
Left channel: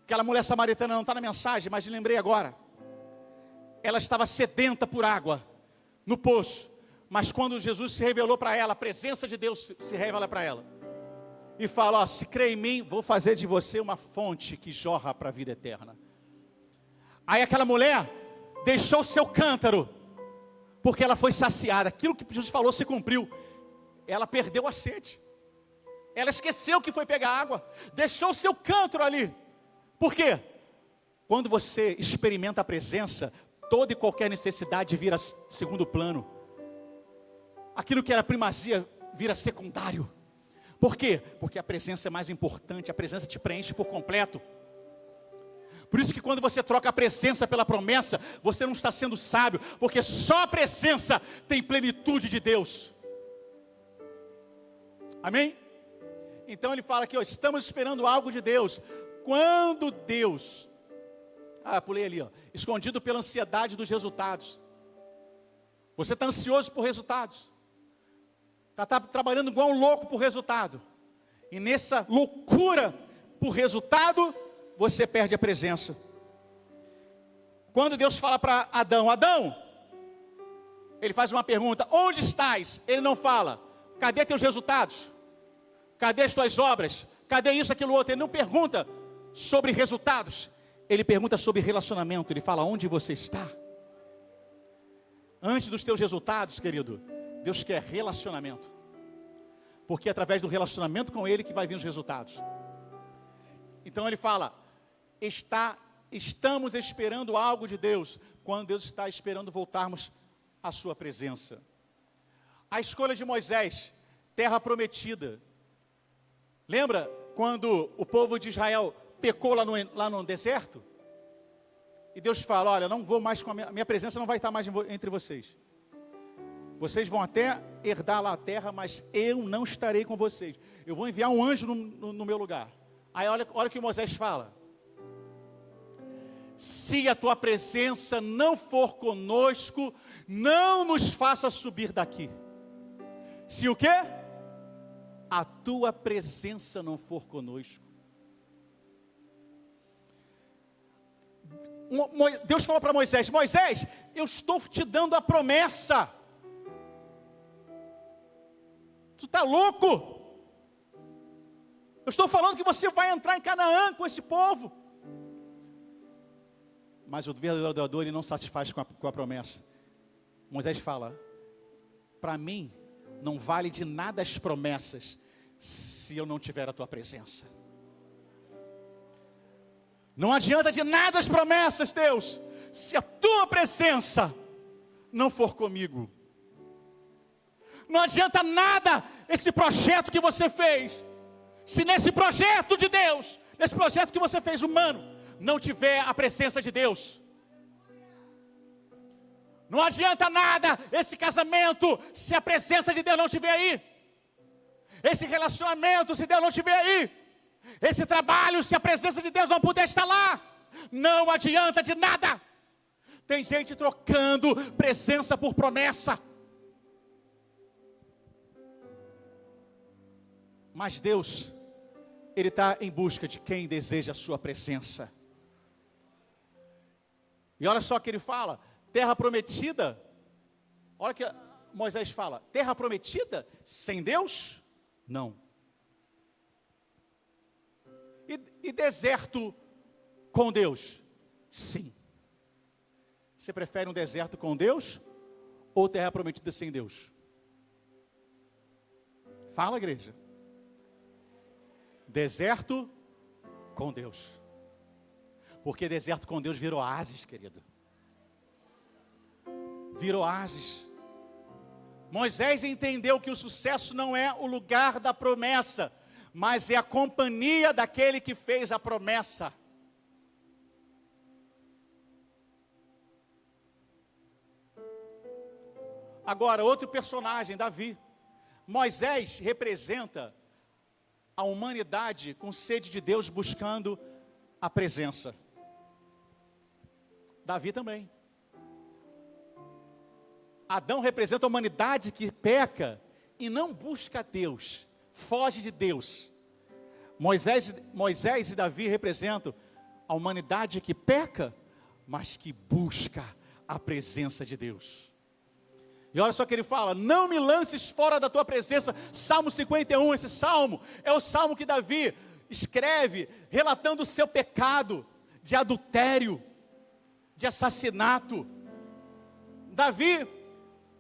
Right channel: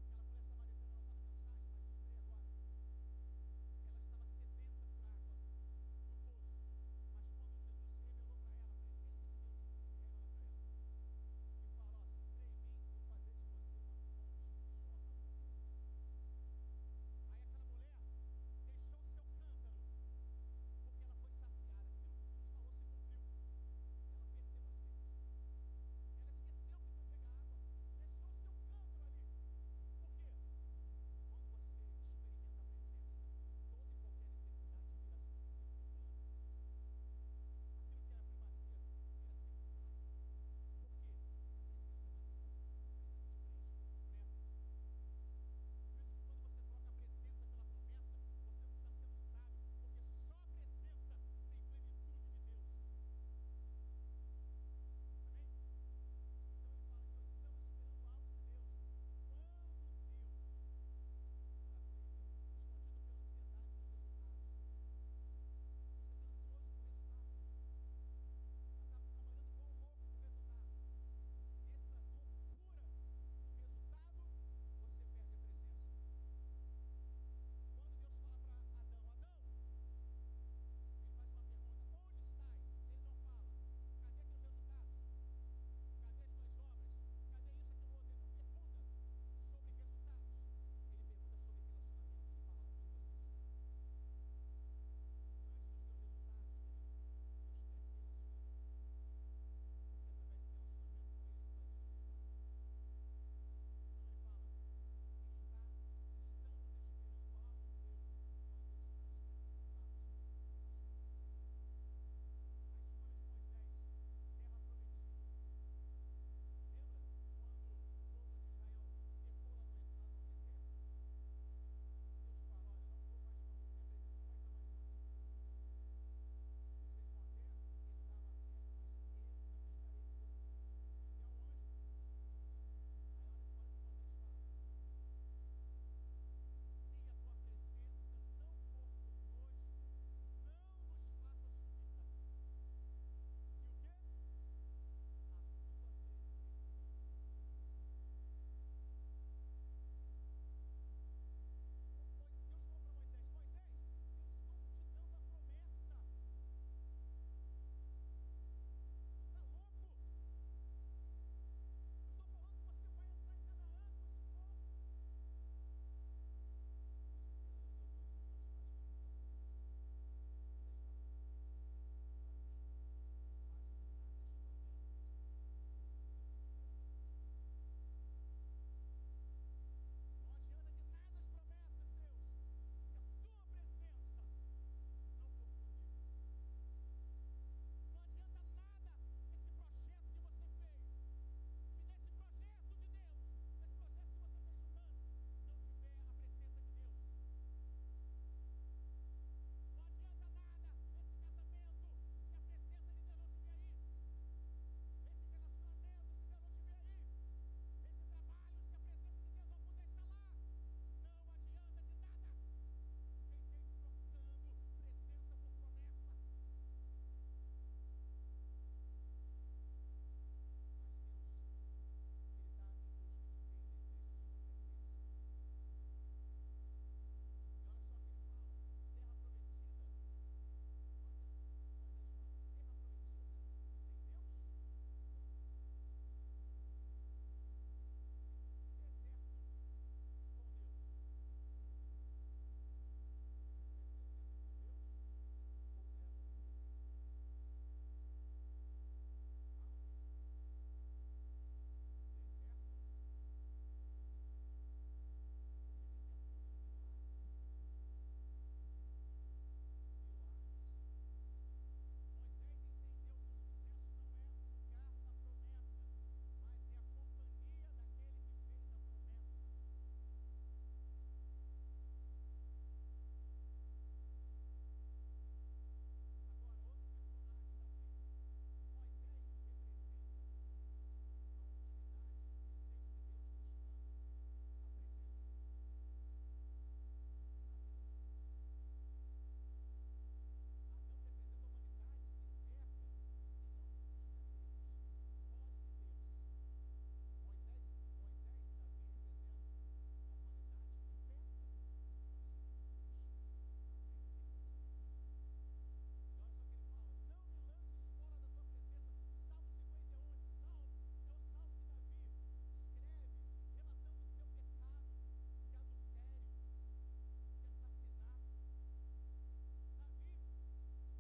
Aquela mulher samaritana não está na mensagem, mas lembrei agora. Ela estava sedenta por água no poço, mas quando Jesus se revelou para ela, a presença de Deus se revela para ela e fala: ó, se crê em mim, vou fazer de você uma fonte que jorra para a vida eterna. Aí aquela mulher deixou o seu cântaro, porque ela foi saciada. Aquilo que Jesus falou se cumpriu. Ela perdeu a sede. Ela esqueceu que foi pegar água. Deixou o seu cântaro ali. Por quê? Quando você experimenta a presença, toda e qualquer necessidade vira segundo plano. Aquilo que era primazia vira secundário. Por quê? Porque a presença é mais importante. A presença te preenche por completo. Por isso que quando você troca a presença pela promessa, você não está sendo sábio, porque só a presença tem plenitude de Deus. Amém? Então ele fala aqui, ó, estamos esperando algo de Deus. Quando Deus, pulei ali, ó. escondido pela ansiedade dos resultados. Você está ansioso por resultados. Está trabalhando igual um louco por resultado. E nessa loucura por resultado, você perde a presença. Quando Deus fala para Adão, Adão, ele faz uma pergunta, onde estás? Ele não fala, cadê teus resultados? Cadê as tuas obras? Cadê isso, aquilo, outro? Ele não pergunta sobre resultados. Ele pergunta sobre relacionamento. Ele fala, onde você está? Antes dos teus resultados, querido, Deus quer relacionamento. Porque é através do relacionamento com Ele que vai vir os resultados. Então ele fala, estamos esperando algo de Deus, quando Deus está esperando voltarmos à sua presença. A escolha de Moisés, terra prometida. Lembra quando o povo de Israel pecou lá no deserto? E Deus fala, olha, não vou mais com a minha presença não vai estar mais entre vocês. Vocês vão até herdar lá a terra, mas eu não estarei com vocês. Eu vou enviar um anjo no meu lugar. Aí olha o que Moisés fala. Se a tua presença não for conosco, não nos faça subir daqui. Se o quê? A tua presença não for conosco. Deus falou para Moisés, Moisés, eu estou te dando a promessa. Tu está louco? Eu estou falando que você vai entrar em Canaã com esse povo. Mas o verdadeiro adorador, ele não satisfaz com a promessa. Moisés fala, para mim, não vale de nada as promessas, se eu não tiver a tua presença. Não adianta de nada as promessas, Deus, se a tua presença não for comigo. Não adianta nada esse projeto que você fez, se nesse projeto de Deus, nesse projeto que você fez humano, não tiver a presença de Deus. Não adianta nada esse casamento, se a presença de Deus não estiver aí. Esse relacionamento, se Deus não estiver aí. Esse trabalho, se a presença de Deus não puder estar lá. Não adianta de nada. Tem gente trocando presença por promessa. Mas Deus, Ele está em busca de quem deseja a sua presença. E olha só o que ele fala, terra prometida. Olha o que Moisés fala, terra prometida sem Deus? Não. E deserto com Deus? Sim. Você prefere um deserto com Deus ou terra prometida sem Deus? Fala, igreja. Deserto com Deus. Porque deserto com Deus vira oásis, querido. Vira oásis. Moisés entendeu que o sucesso não é o lugar da promessa, mas é a companhia daquele que fez a promessa. Agora, outro personagem, Davi. Moisés representa a humanidade com sede de Deus, buscando a presença. Davi também. Adão representa a humanidade que peca e não busca Deus, foge de Deus. Moisés e Davi representam a humanidade que peca, mas que busca a presença de Deus. E olha só que ele fala, não me lances fora da tua presença. Salmo 51, esse salmo é o salmo que Davi escreve, relatando o seu pecado de adultério, de assassinato. Davi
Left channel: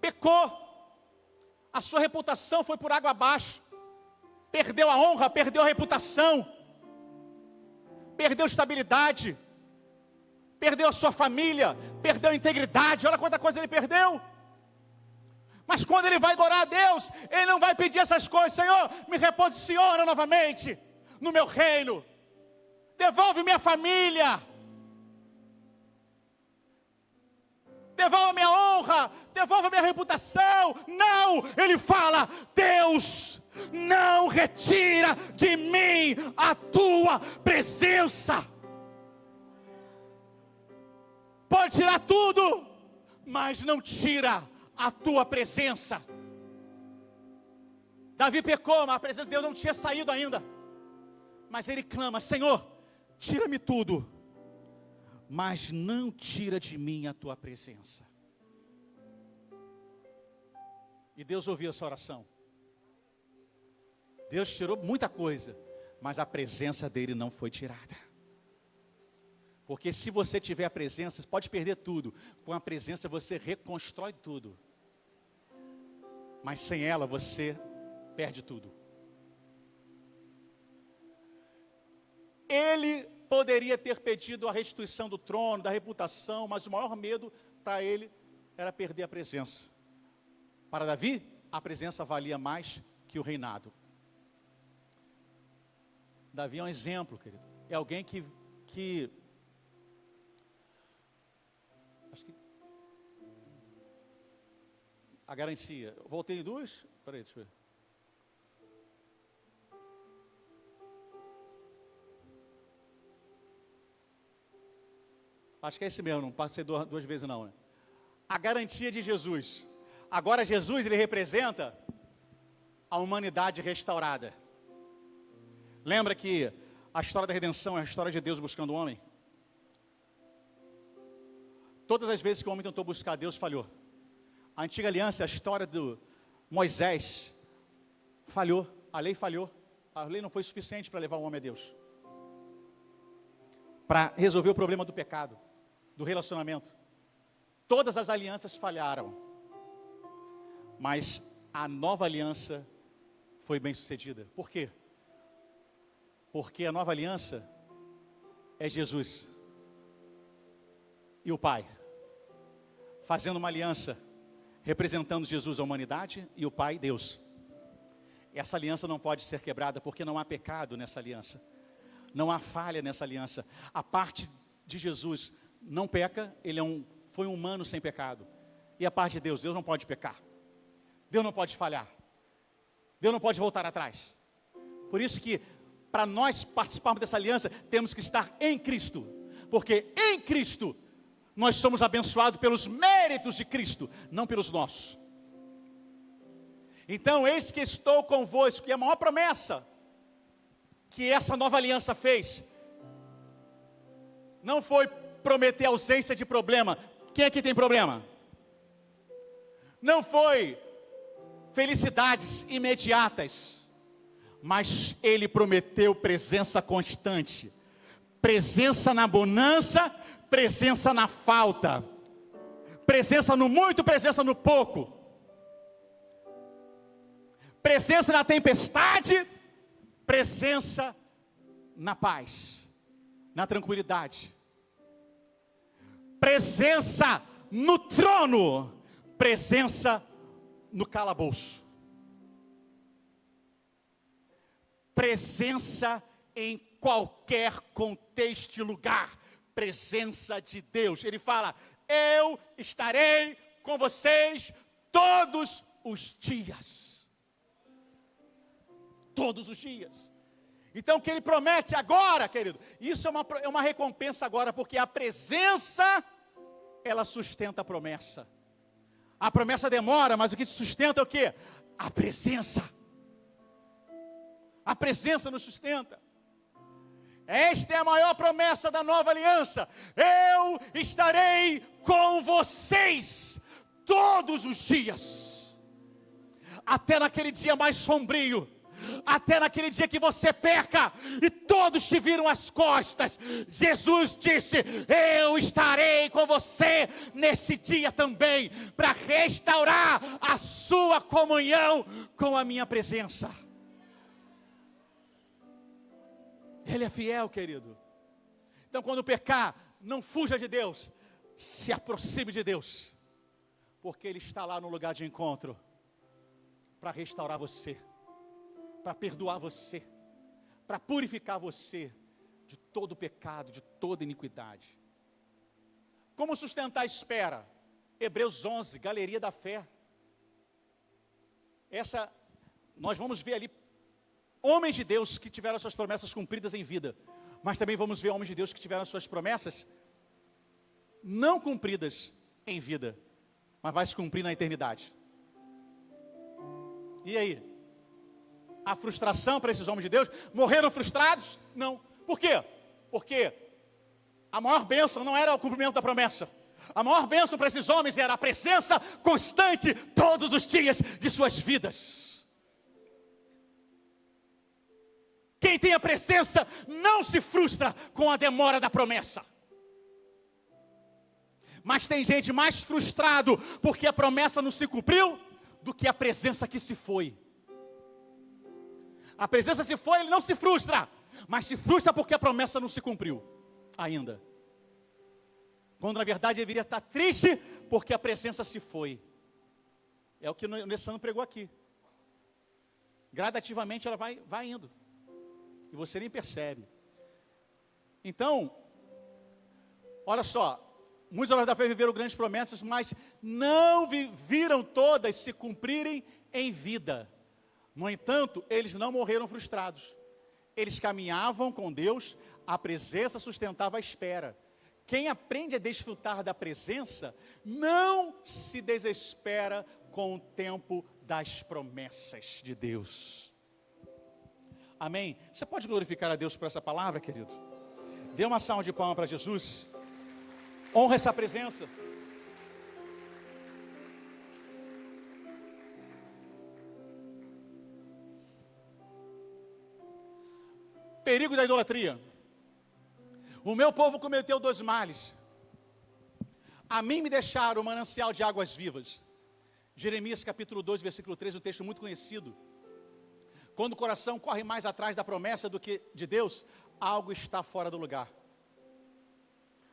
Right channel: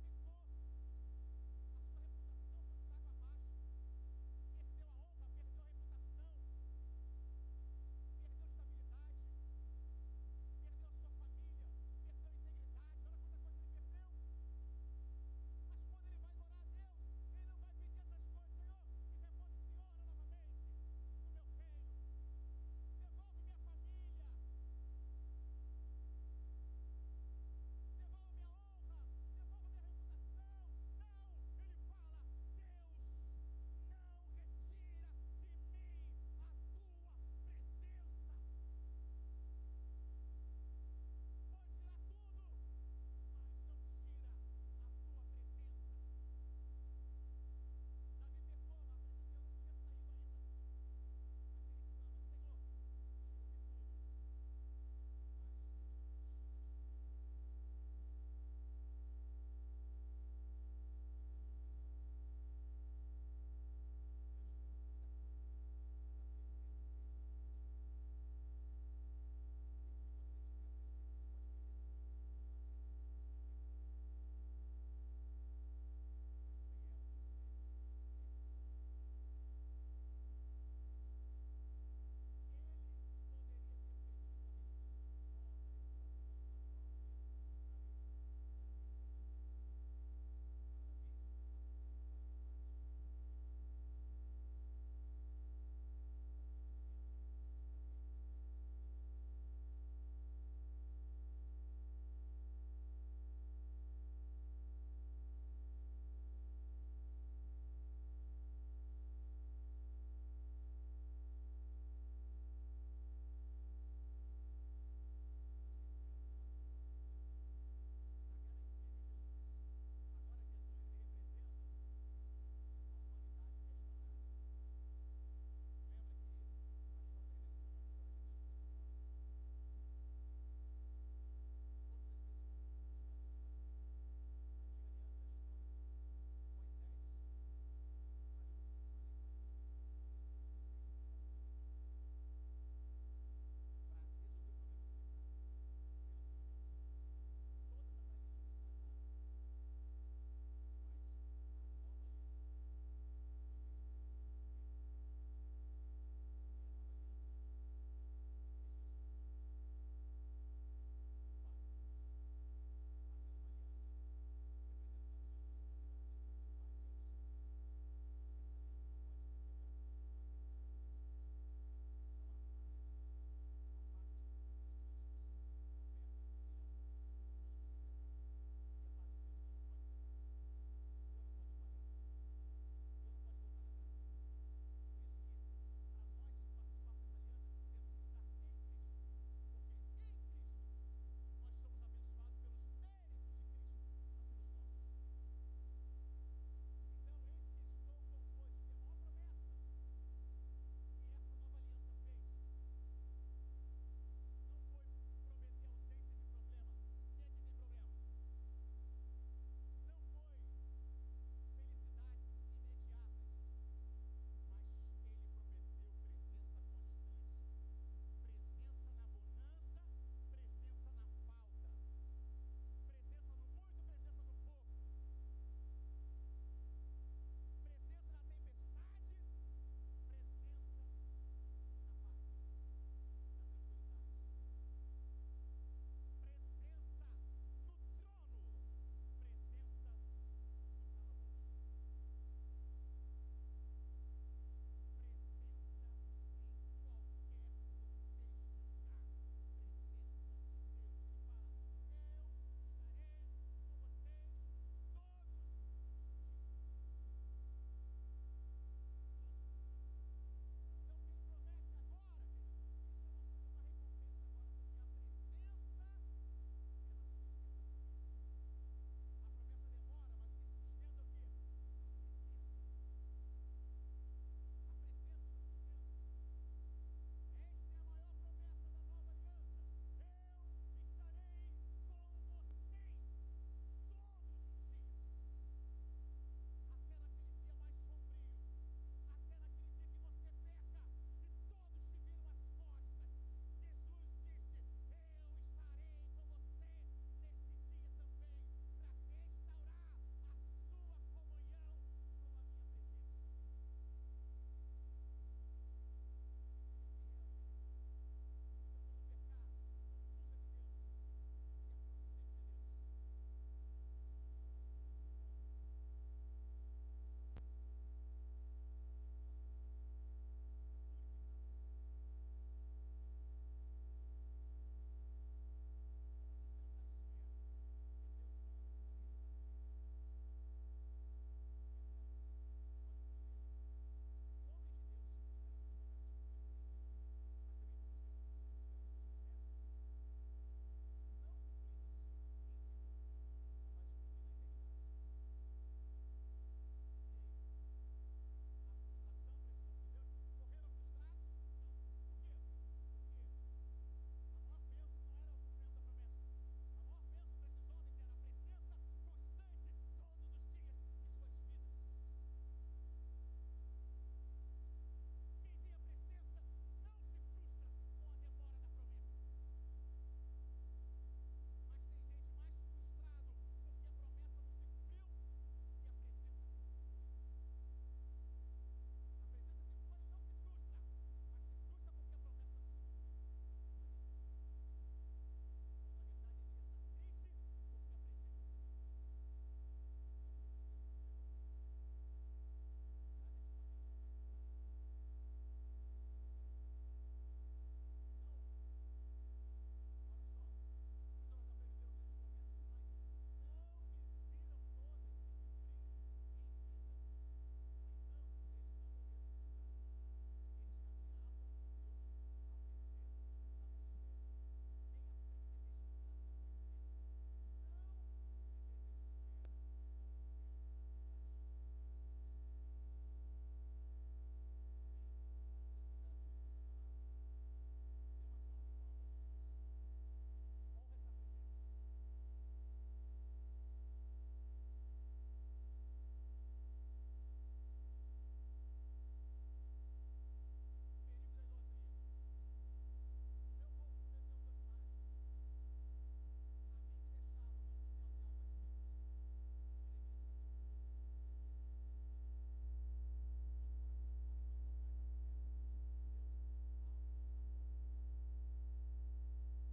pecou, a sua reputação foi por água abaixo, perdeu a honra, perdeu a reputação, perdeu estabilidade, perdeu a sua família, perdeu a integridade, olha quanta coisa ele perdeu. Mas quando ele vai adorar a Deus, ele não vai pedir essas coisas, Senhor, me reposiciona novamente no meu reino, devolve minha família, devolve a minha honra, devolve a minha reputação. Não, ele fala, Deus, não retira de mim a tua presença. pode tirar tudo, mas não tira a tua presença. Davi pecou, mas a presença de Deus não tinha saído ainda. Mas ele clama: Senhor, tira-me tudo, mas não tira de mim a tua presença. E Deus ouviu essa oração. Deus tirou muita coisa, mas a presença dele não foi tirada. Porque se você tiver a presença, você pode perder tudo. Com a presença você reconstrói tudo. Mas sem ela você perde tudo. Ele poderia ter pedido a restituição do trono, da reputação, mas o maior medo para ele era perder a presença. Para Davi, a presença valia mais que o reinado. Davi é um exemplo, querido. É alguém que acho que a garantia. Eu voltei em duas? Peraí, deixa eu ver. Acho que é esse mesmo, não passei duas vezes não, né? A garantia de Jesus. Agora Jesus, ele representa a humanidade restaurada. Lembra que a história da redenção é a história de Deus buscando o homem? Todas as vezes que o homem tentou buscar Deus, falhou. A antiga aliança, a história do Moisés, falhou, a lei falhou. A lei não foi suficiente para levar o homem a Deus, para resolver o problema do pecado, do relacionamento. Todas as alianças falharam, mas a nova aliança foi bem sucedida. Por quê? Porque a nova aliança é Jesus e o Pai, fazendo uma aliança, representando Jesus à humanidade e o Pai, Deus. Essa aliança não pode ser quebrada, porque não há pecado nessa aliança, não há falha nessa aliança. A parte de Jesus não peca, ele foi um humano sem pecado. E a parte de Deus, Deus não pode pecar, Deus não pode falhar, Deus não pode voltar atrás. Por isso que, para nós participarmos dessa aliança, temos que estar em Cristo, porque em Cristo nós somos abençoados pelos méritos de Cristo, não pelos nossos. Então, eis que estou convosco, e a maior promessa que essa nova aliança fez, não foi prometer ausência de problema. Quem aqui tem problema? Não foi felicidades imediatas, mas ele prometeu presença constante, presença na bonança, presença na falta, presença no muito, presença no pouco, presença na tempestade, presença na paz, na tranquilidade, presença no trono, presença no calabouço, presença em qualquer contexto e lugar, presença de Deus. Ele fala: eu estarei com vocês todos os dias. Todos os dias. Então o que ele promete agora, querido, isso é uma recompensa agora, porque a presença, ela sustenta a promessa. A promessa demora, mas o que te sustenta é o quê? A presença. A presença nos sustenta. Esta é a maior promessa da nova aliança: eu estarei com vocês todos os dias, até naquele dia mais sombrio, até naquele dia que você peca e todos te viram as costas. Jesus disse: eu estarei com você nesse dia também, para restaurar a sua comunhão com a minha presença. Ele é fiel, querido. Então, quando pecar, não fuja de Deus, se aproxime de Deus, porque Ele está lá no lugar de encontro para restaurar você, para perdoar você, para purificar você de todo pecado, de toda iniquidade. Como sustentar a espera? Hebreus 11, galeria da fé. Nós vamos ver ali homens de Deus que tiveram suas promessas cumpridas em vida, mas também vamos ver homens de Deus que tiveram suas promessas não cumpridas em vida, mas vai se cumprir na eternidade. E aí? A frustração para esses homens de Deus? Morreram frustrados? Não. Por quê? Porque a maior bênção não era o cumprimento da promessa. A maior bênção para esses homens era a presença constante todos os dias de suas vidas. Quem tem a presença não se frustra com a demora da promessa. Mas tem gente mais frustrado porque a promessa não se cumpriu do que a presença que se foi. A presença se foi, ele não se frustra, mas se frustra porque a promessa não se cumpriu ainda. Quando na verdade ele deveria estar triste porque a presença se foi. É o que o Nessano pregou aqui. Gradativamente ela vai indo. E você nem percebe. Então, olha só, muitos homens da fé viveram grandes promessas, mas não viram todas se cumprirem em vida. No entanto, eles não morreram frustrados. Eles caminhavam com Deus, a presença sustentava a espera. Quem aprende a desfrutar da presença, não se desespera com o tempo das promessas de Deus. Amém? Você pode glorificar a Deus por essa palavra, querido? Dê uma salva de palmas para Jesus. Honra essa presença. Perigo da idolatria. O meu povo cometeu 2 males. A mim me deixaram o manancial de águas vivas. Jeremias capítulo 2, versículo 13, um texto muito conhecido. Quando o coração corre mais atrás da promessa do que de Deus, algo está fora do lugar.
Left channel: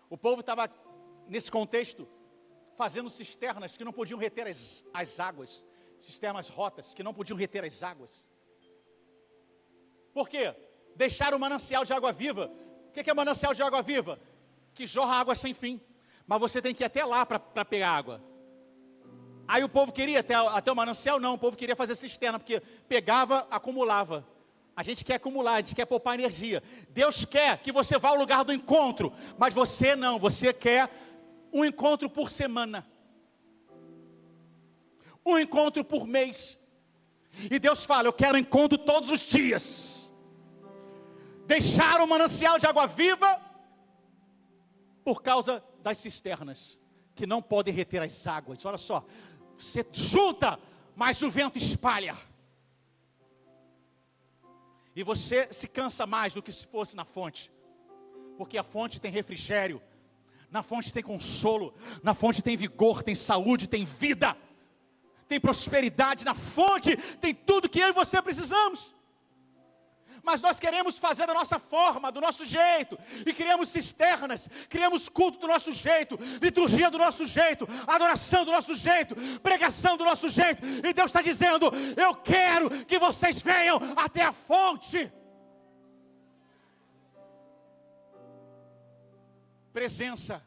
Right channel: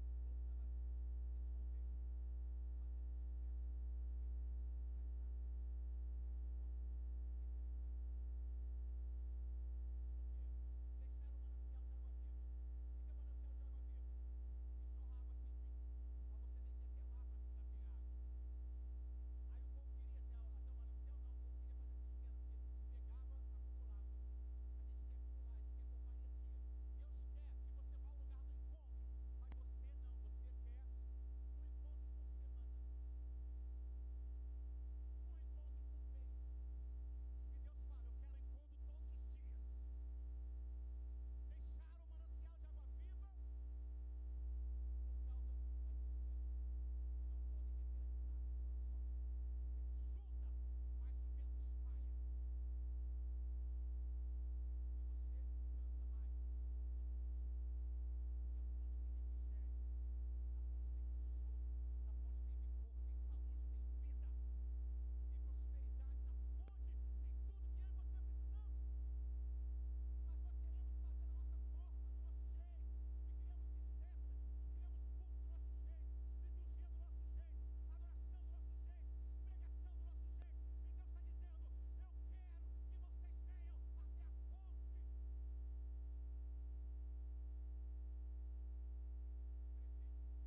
O povo estava, nesse contexto, fazendo cisternas que não podiam reter as águas. Cisternas rotas que não podiam reter as águas. Por quê? Deixaram o manancial de água viva. O que é manancial de água viva? Que jorra água sem fim. Mas você tem que ir até lá para pegar água. Aí o povo queria até o manancial? Não, o povo queria fazer cisterna, porque pegava, acumulava. A gente quer acumular, a gente quer poupar energia. Deus quer que você vá ao lugar do encontro, mas você não, você quer um encontro por semana. Um encontro por mês. E Deus fala, eu quero encontro todos os dias. Deixaram o manancial de água viva por causa das cisternas, que não podem reter as águas. Olha só, você junta, mas o vento espalha. E você se cansa mais do que se fosse na fonte, porque a fonte tem refrigério, na fonte tem consolo, na fonte tem vigor, tem saúde, tem vida, tem prosperidade, na fonte tem tudo que eu e você precisamos. Mas nós queremos fazer da nossa forma, do nosso jeito, e criamos cisternas, criamos culto do nosso jeito, liturgia do nosso jeito, adoração do nosso jeito, pregação do nosso jeito, e Deus está dizendo, eu quero que vocês venham até a fonte. Presença.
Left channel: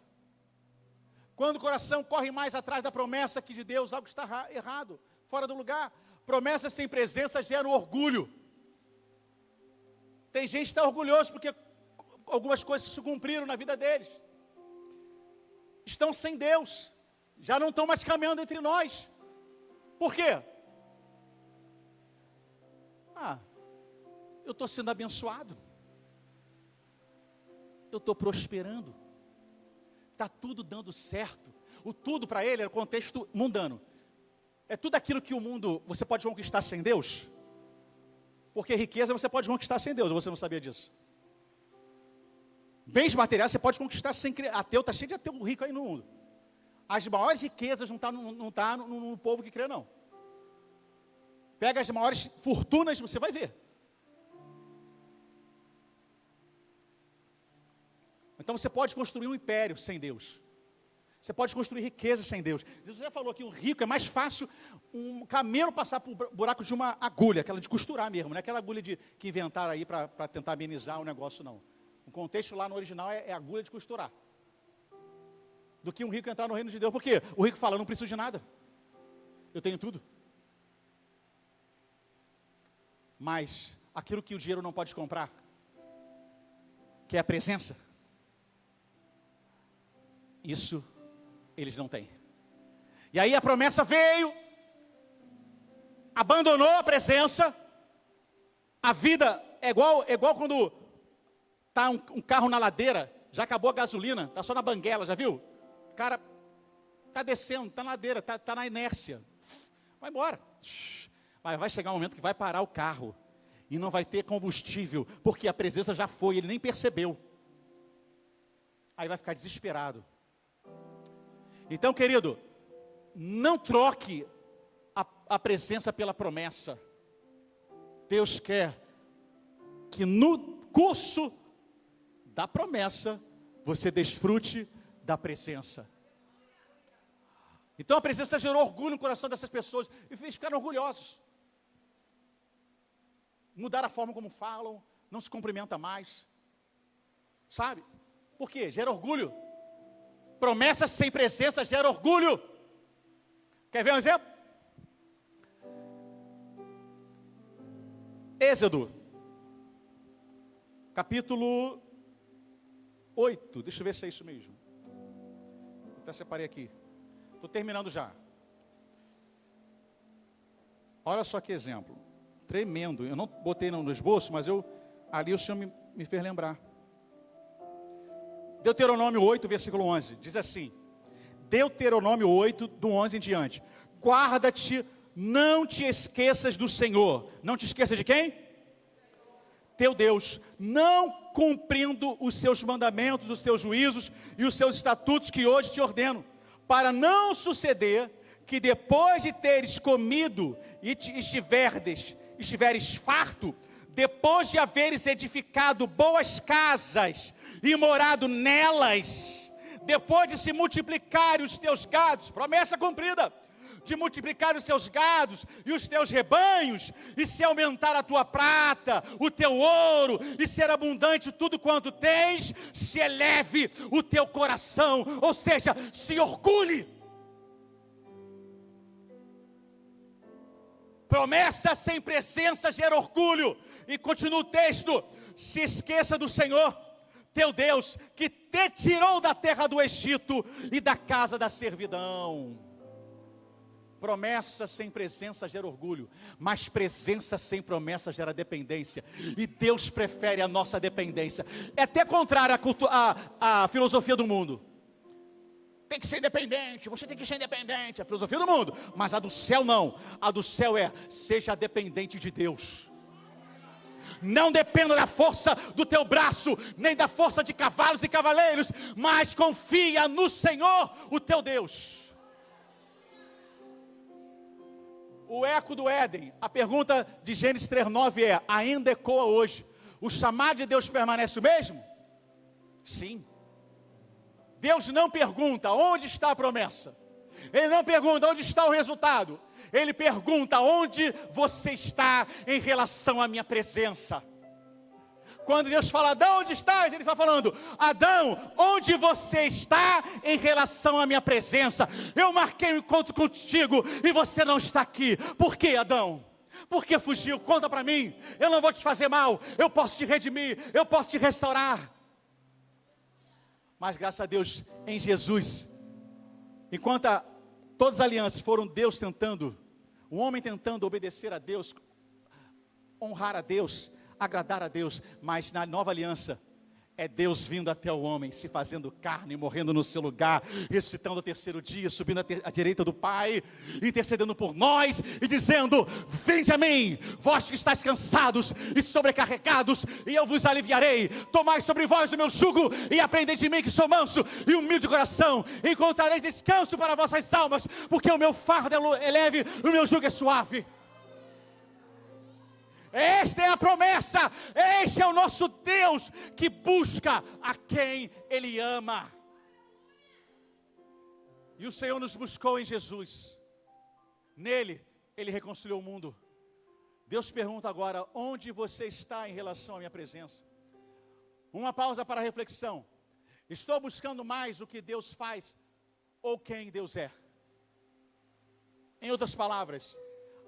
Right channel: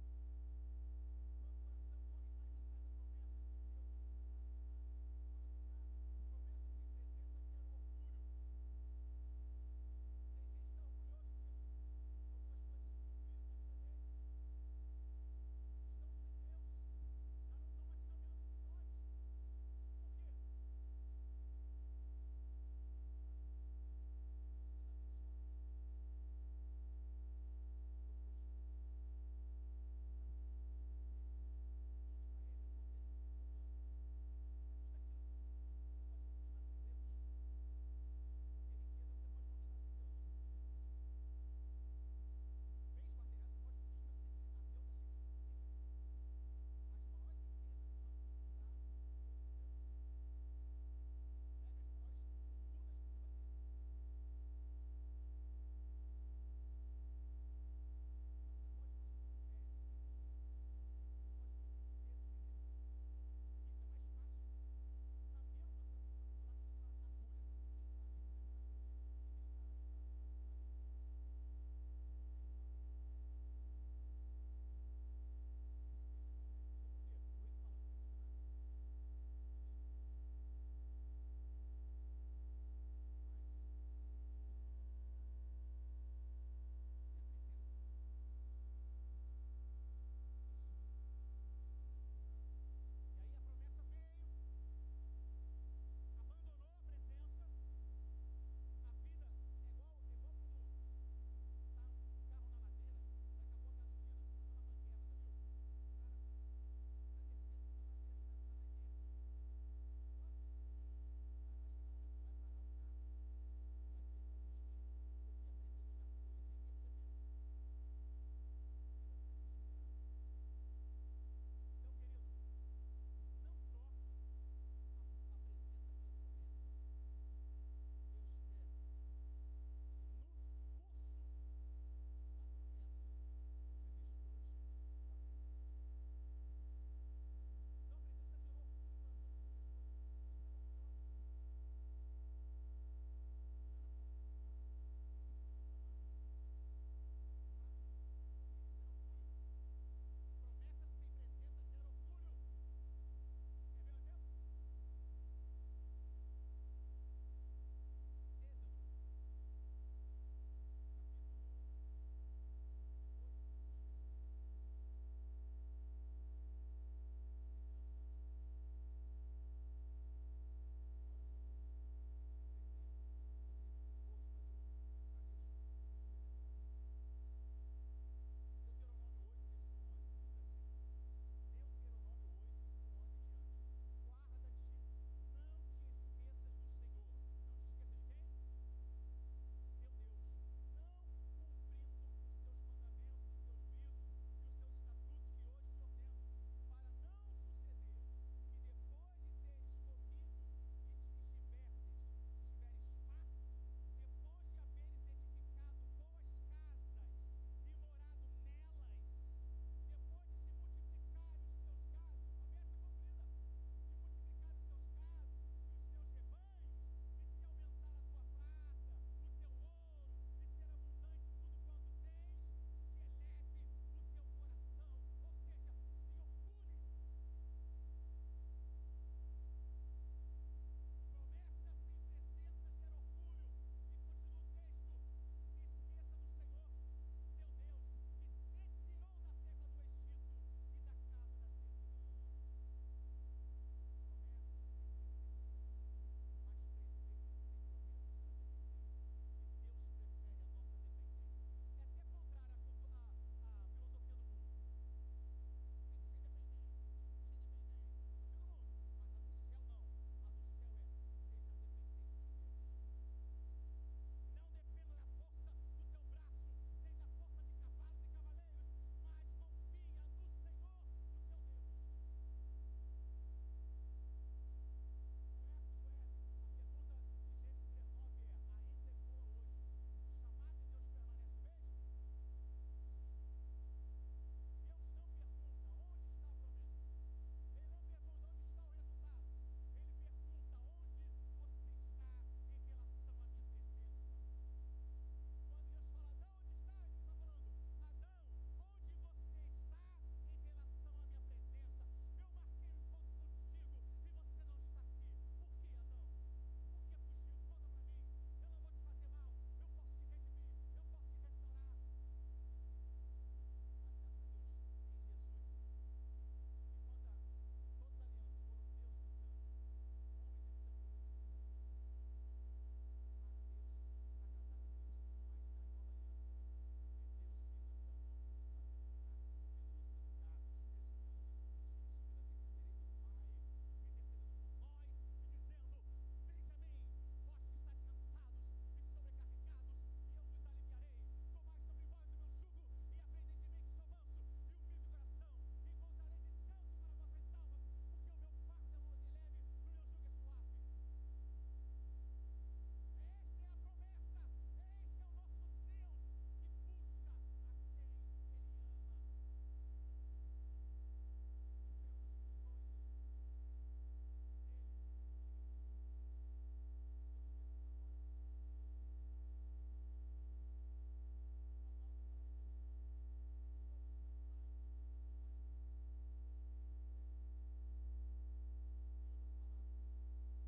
Quando o coração corre mais atrás da promessa aqui de Deus, algo está errado, fora do lugar. Promessa sem presença gera orgulho. Tem gente que está orgulhoso porque algumas coisas se cumpriram na vida deles. Estão sem Deus. Já não estão mais caminhando entre nós. Por quê? Eu estou sendo abençoado. Eu estou prosperando. Está tudo dando certo. O tudo para ele era o contexto mundano. É tudo aquilo que o mundo você pode conquistar sem Deus. Porque riqueza você pode conquistar sem Deus, você não sabia disso. Bens materiais você pode conquistar sem ateu, está cheio de ateu rico aí no mundo. As maiores riquezas não tá no povo que crê, não. Pega as maiores fortunas, você vai ver. Então você pode construir um império sem Deus. Você pode construir riqueza sem Deus. Jesus já falou que o rico é mais fácil um camelo passar por buraco de uma agulha, aquela de costurar mesmo, não é aquela agulha que inventaram aí para tentar amenizar o negócio, não. O contexto lá no original é agulha de costurar. Do que um rico entrar no reino de Deus. Por quê? O rico fala, eu não preciso de nada. Eu tenho tudo. Mas aquilo que o dinheiro não pode comprar, que é a presença, Isso eles não têm. E aí a promessa veio, abandonou a presença. A vida é igual quando está um carro na ladeira, já acabou a gasolina, está só na banguela, já viu? O cara está descendo, está na ladeira, está na inércia. Vai embora. Mas vai chegar um momento que vai parar o carro e não vai ter combustível, porque a presença já foi, ele nem percebeu. Aí vai ficar desesperado. Então, querido, não troque a presença pela promessa. Deus quer que no curso da promessa você desfrute da presença. Então a presença gerou orgulho no coração dessas pessoas e eles ficaram orgulhosos. Mudaram a forma como falam, não se cumprimenta mais. Sabe? Por quê? Gera orgulho. Promessa sem presença gera orgulho. Quer ver um exemplo? Êxodo, capítulo 8. Deixa eu ver se é isso mesmo. Até separei aqui. Estou terminando já. Olha só que exemplo. Tremendo. Eu não botei no esboço, mas ali o Senhor me fez lembrar. Deuteronômio 8, versículo 11. Diz assim. Deuteronômio 8, do 11 em diante. Guarda-te, não te esqueças do Senhor. Não te esqueças de quem? Teu Deus. Não cumprindo os seus mandamentos, os seus juízos e os seus estatutos que hoje te ordeno. Para não suceder que depois de teres comido e estiveres farto, depois de haveres edificado boas casas e morado nelas, depois de se multiplicarem os teus gados, promessa cumprida, de multiplicar os seus gados e os teus rebanhos, e se aumentar a tua prata, o teu ouro, e ser abundante tudo quanto tens, se eleve o teu coração, ou seja, se orgulhe. Promessa sem presença gera orgulho. E continua o texto: se esqueça do Senhor teu Deus, que te tirou da terra do Egito e da casa da servidão. Promessa sem presença gera orgulho, mas presença sem promessa gera dependência, e Deus prefere a nossa dependência. É até contrário à filosofia do mundo. Tem que ser independente, você tem que ser independente, a filosofia do mundo, mas a do céu não. A do céu é: seja dependente de Deus. Não dependa da força do teu braço, nem da força de cavalos e cavaleiros, mas confia no Senhor, o teu Deus. O eco do Éden, a pergunta de Gênesis 3:9 é: ainda ecoa hoje? O chamado de Deus permanece o mesmo? Sim. Deus não pergunta onde está a promessa. Ele não pergunta onde está o resultado. Ele pergunta onde você está em relação à minha presença. Quando Deus fala: Adão, onde estás? Ele está falando: Adão, onde você está em relação à minha presença? Eu marquei um encontro contigo e você não está aqui. Por quê, Adão? Por que fugiu? Conta para mim. Eu não vou te fazer mal. Eu posso te redimir. Eu posso te restaurar. Mas graças a Deus, em Jesus, enquanto todas as alianças foram Deus tentando, o homem tentando obedecer a Deus, honrar a Deus, agradar a Deus, mas na nova aliança é Deus vindo até o homem, se fazendo carne, morrendo no seu lugar, ressuscitando ao terceiro dia, subindo à direita do Pai, intercedendo por nós e dizendo: vinde a mim, vós que estáis cansados e sobrecarregados, e eu vos aliviarei. Tomai sobre vós o meu jugo e aprendei de mim, que sou manso e humilde de coração, e encontrareis descanso para vossas almas, porque o meu fardo é leve e o meu jugo é suave. Esta é a promessa, este é o nosso Deus, que busca a quem Ele ama. E o Senhor nos buscou em Jesus. Nele, Ele reconciliou o mundo. Deus pergunta agora: onde você está em relação à minha presença? Uma pausa para a reflexão. Estou buscando mais o que Deus faz ou quem Deus é? Em outras palavras,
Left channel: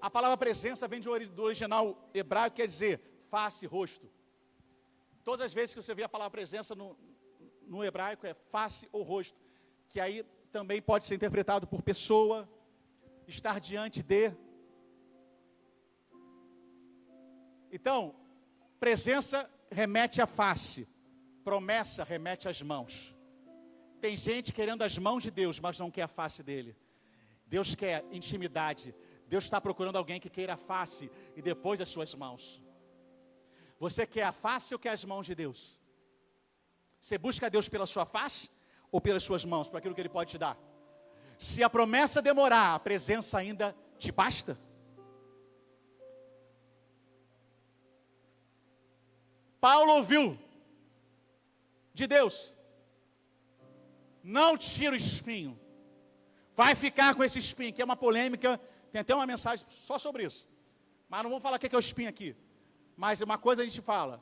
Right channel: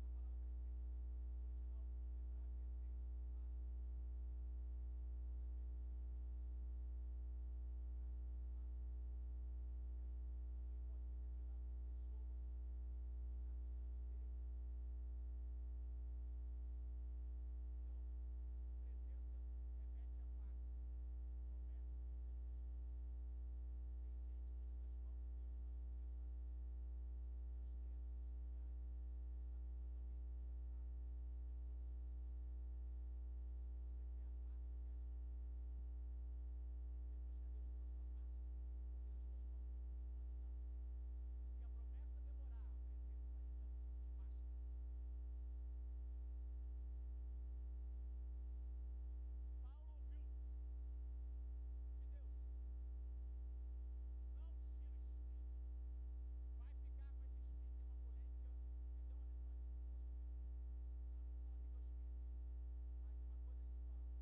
a palavra presença vem do original hebraico, quer dizer face, rosto. Todas as vezes que você vê a palavra presença no hebraico é face ou rosto, que aí também pode ser interpretado por pessoa, estar diante de. Então, presença remete à face, promessa remete às mãos. Tem gente querendo as mãos de Deus, mas não quer a face dele. Deus quer intimidade. Deus está procurando alguém que queira a face e depois as suas mãos. Você quer a face ou quer as mãos de Deus? Você busca a Deus pela sua face ou pelas suas mãos, por aquilo que Ele pode te dar? Se a promessa demorar, a presença ainda te basta? Paulo ouviu de Deus: não tira o espinho, vai ficar com esse espinho, que é uma polêmica, tem até uma mensagem só sobre isso, mas não vamos falar o que é o espinho aqui. Mas uma coisa a gente fala:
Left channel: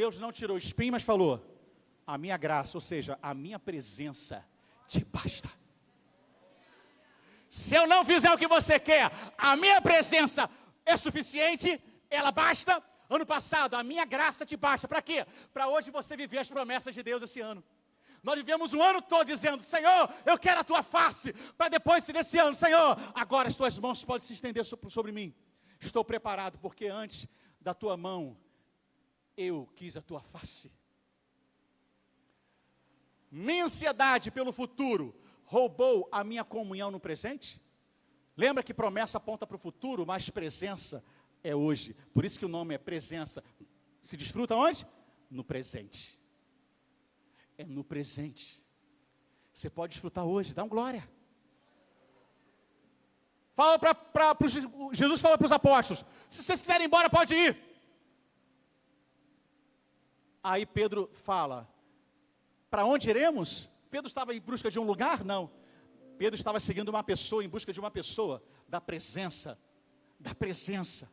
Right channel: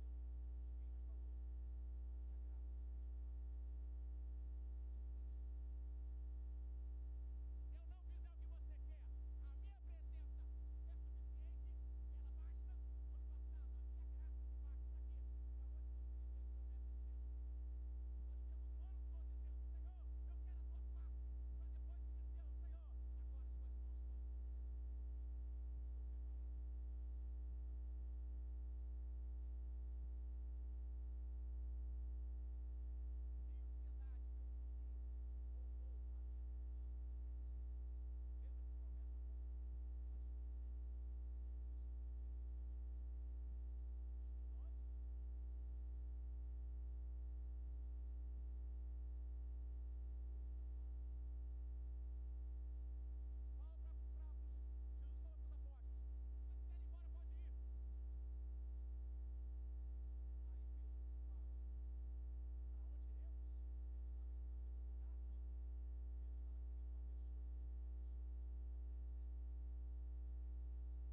Deus não tirou o espinho, mas falou: a minha graça, ou seja, a minha presença te basta. Se eu não fizer o que você quer, a minha presença é suficiente, ela basta. Ano passado, a minha graça te basta. Para quê? Para hoje você viver as promessas de Deus esse ano. Nós vivemos um ano todo dizendo: Senhor, eu quero a tua face. Para depois, nesse ano: Senhor, agora as tuas mãos podem se estender sobre mim. Estou preparado, porque antes da tua mão eu quis a tua face. Minha ansiedade pelo futuro roubou a minha comunhão no presente? Lembra que promessa aponta para o futuro, mas presença é hoje. Por isso que o nome é presença. Se desfruta onde? No presente. É no presente. Você pode desfrutar hoje. Dá um glória. Fala Jesus fala para os apóstolos: se vocês quiserem ir embora, pode ir. Aí Pedro fala: para onde iremos? Pedro estava em busca de um lugar? Não. Pedro estava seguindo uma pessoa, em busca de uma pessoa, da presença. Da presença.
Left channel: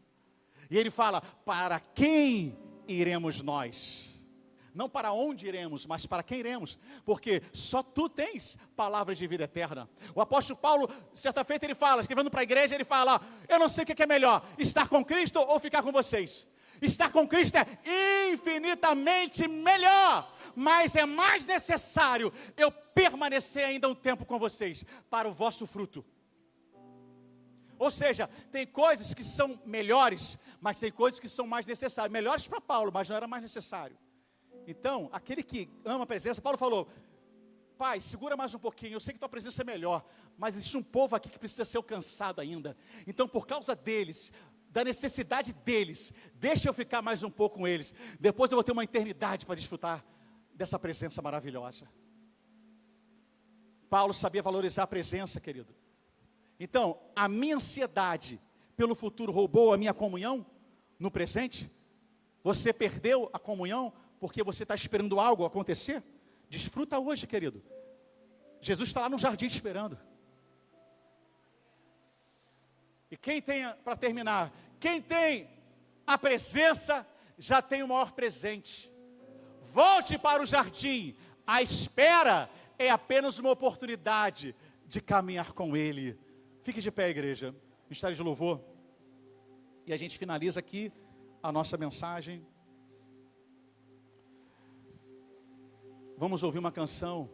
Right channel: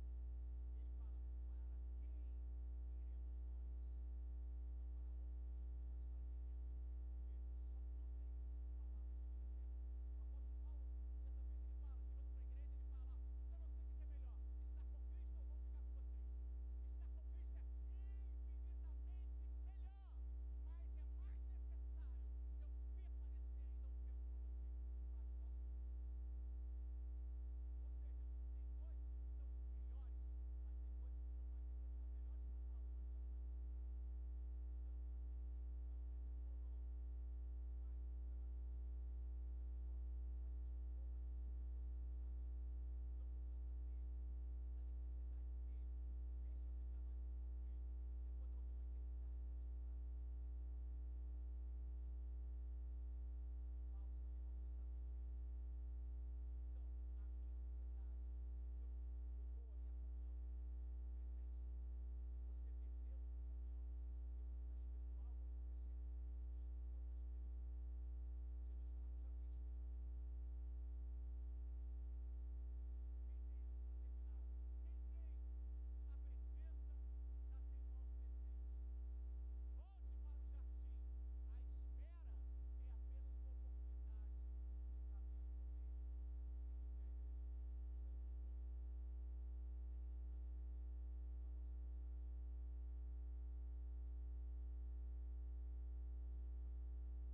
E ele fala: para quem iremos nós? Não para onde iremos, mas para quem iremos? Porque só tu tens palavra de vida eterna. O apóstolo Paulo, certa feita, ele fala, escrevendo para a igreja, ele fala: eu não sei o que é melhor, estar com Cristo ou ficar com vocês. Estar com Cristo é infinitamente melhor, mas é mais necessário eu permanecer ainda um tempo com vocês, para o vosso fruto. Ou seja, tem coisas que são melhores, mas tem coisas que são mais necessárias. Melhores para Paulo, mas não era mais necessário. Então, aquele que ama a presença, Paulo falou: Pai, segura mais um pouquinho, eu sei que tua presença é melhor, mas existe um povo aqui que precisa ser alcançado ainda. Então, por causa deles, da necessidade deles, deixa eu ficar mais um pouco com eles. Depois eu vou ter uma eternidade para desfrutar dessa presença maravilhosa. Paulo sabia valorizar a presença, querido. Então, a minha ansiedade pelo futuro roubou a minha comunhão no presente? Você perdeu a comunhão porque você está esperando algo acontecer? Desfruta hoje, querido. Jesus está lá no jardim esperando. E quem tem, para terminar, quem tem a presença, já tem o maior presente. Volte para o jardim. A espera é apenas uma oportunidade de caminhar com Ele. Fique de pé, igreja. Ministério de louvor. E a gente finaliza aqui a nossa mensagem. Vamos ouvir uma canção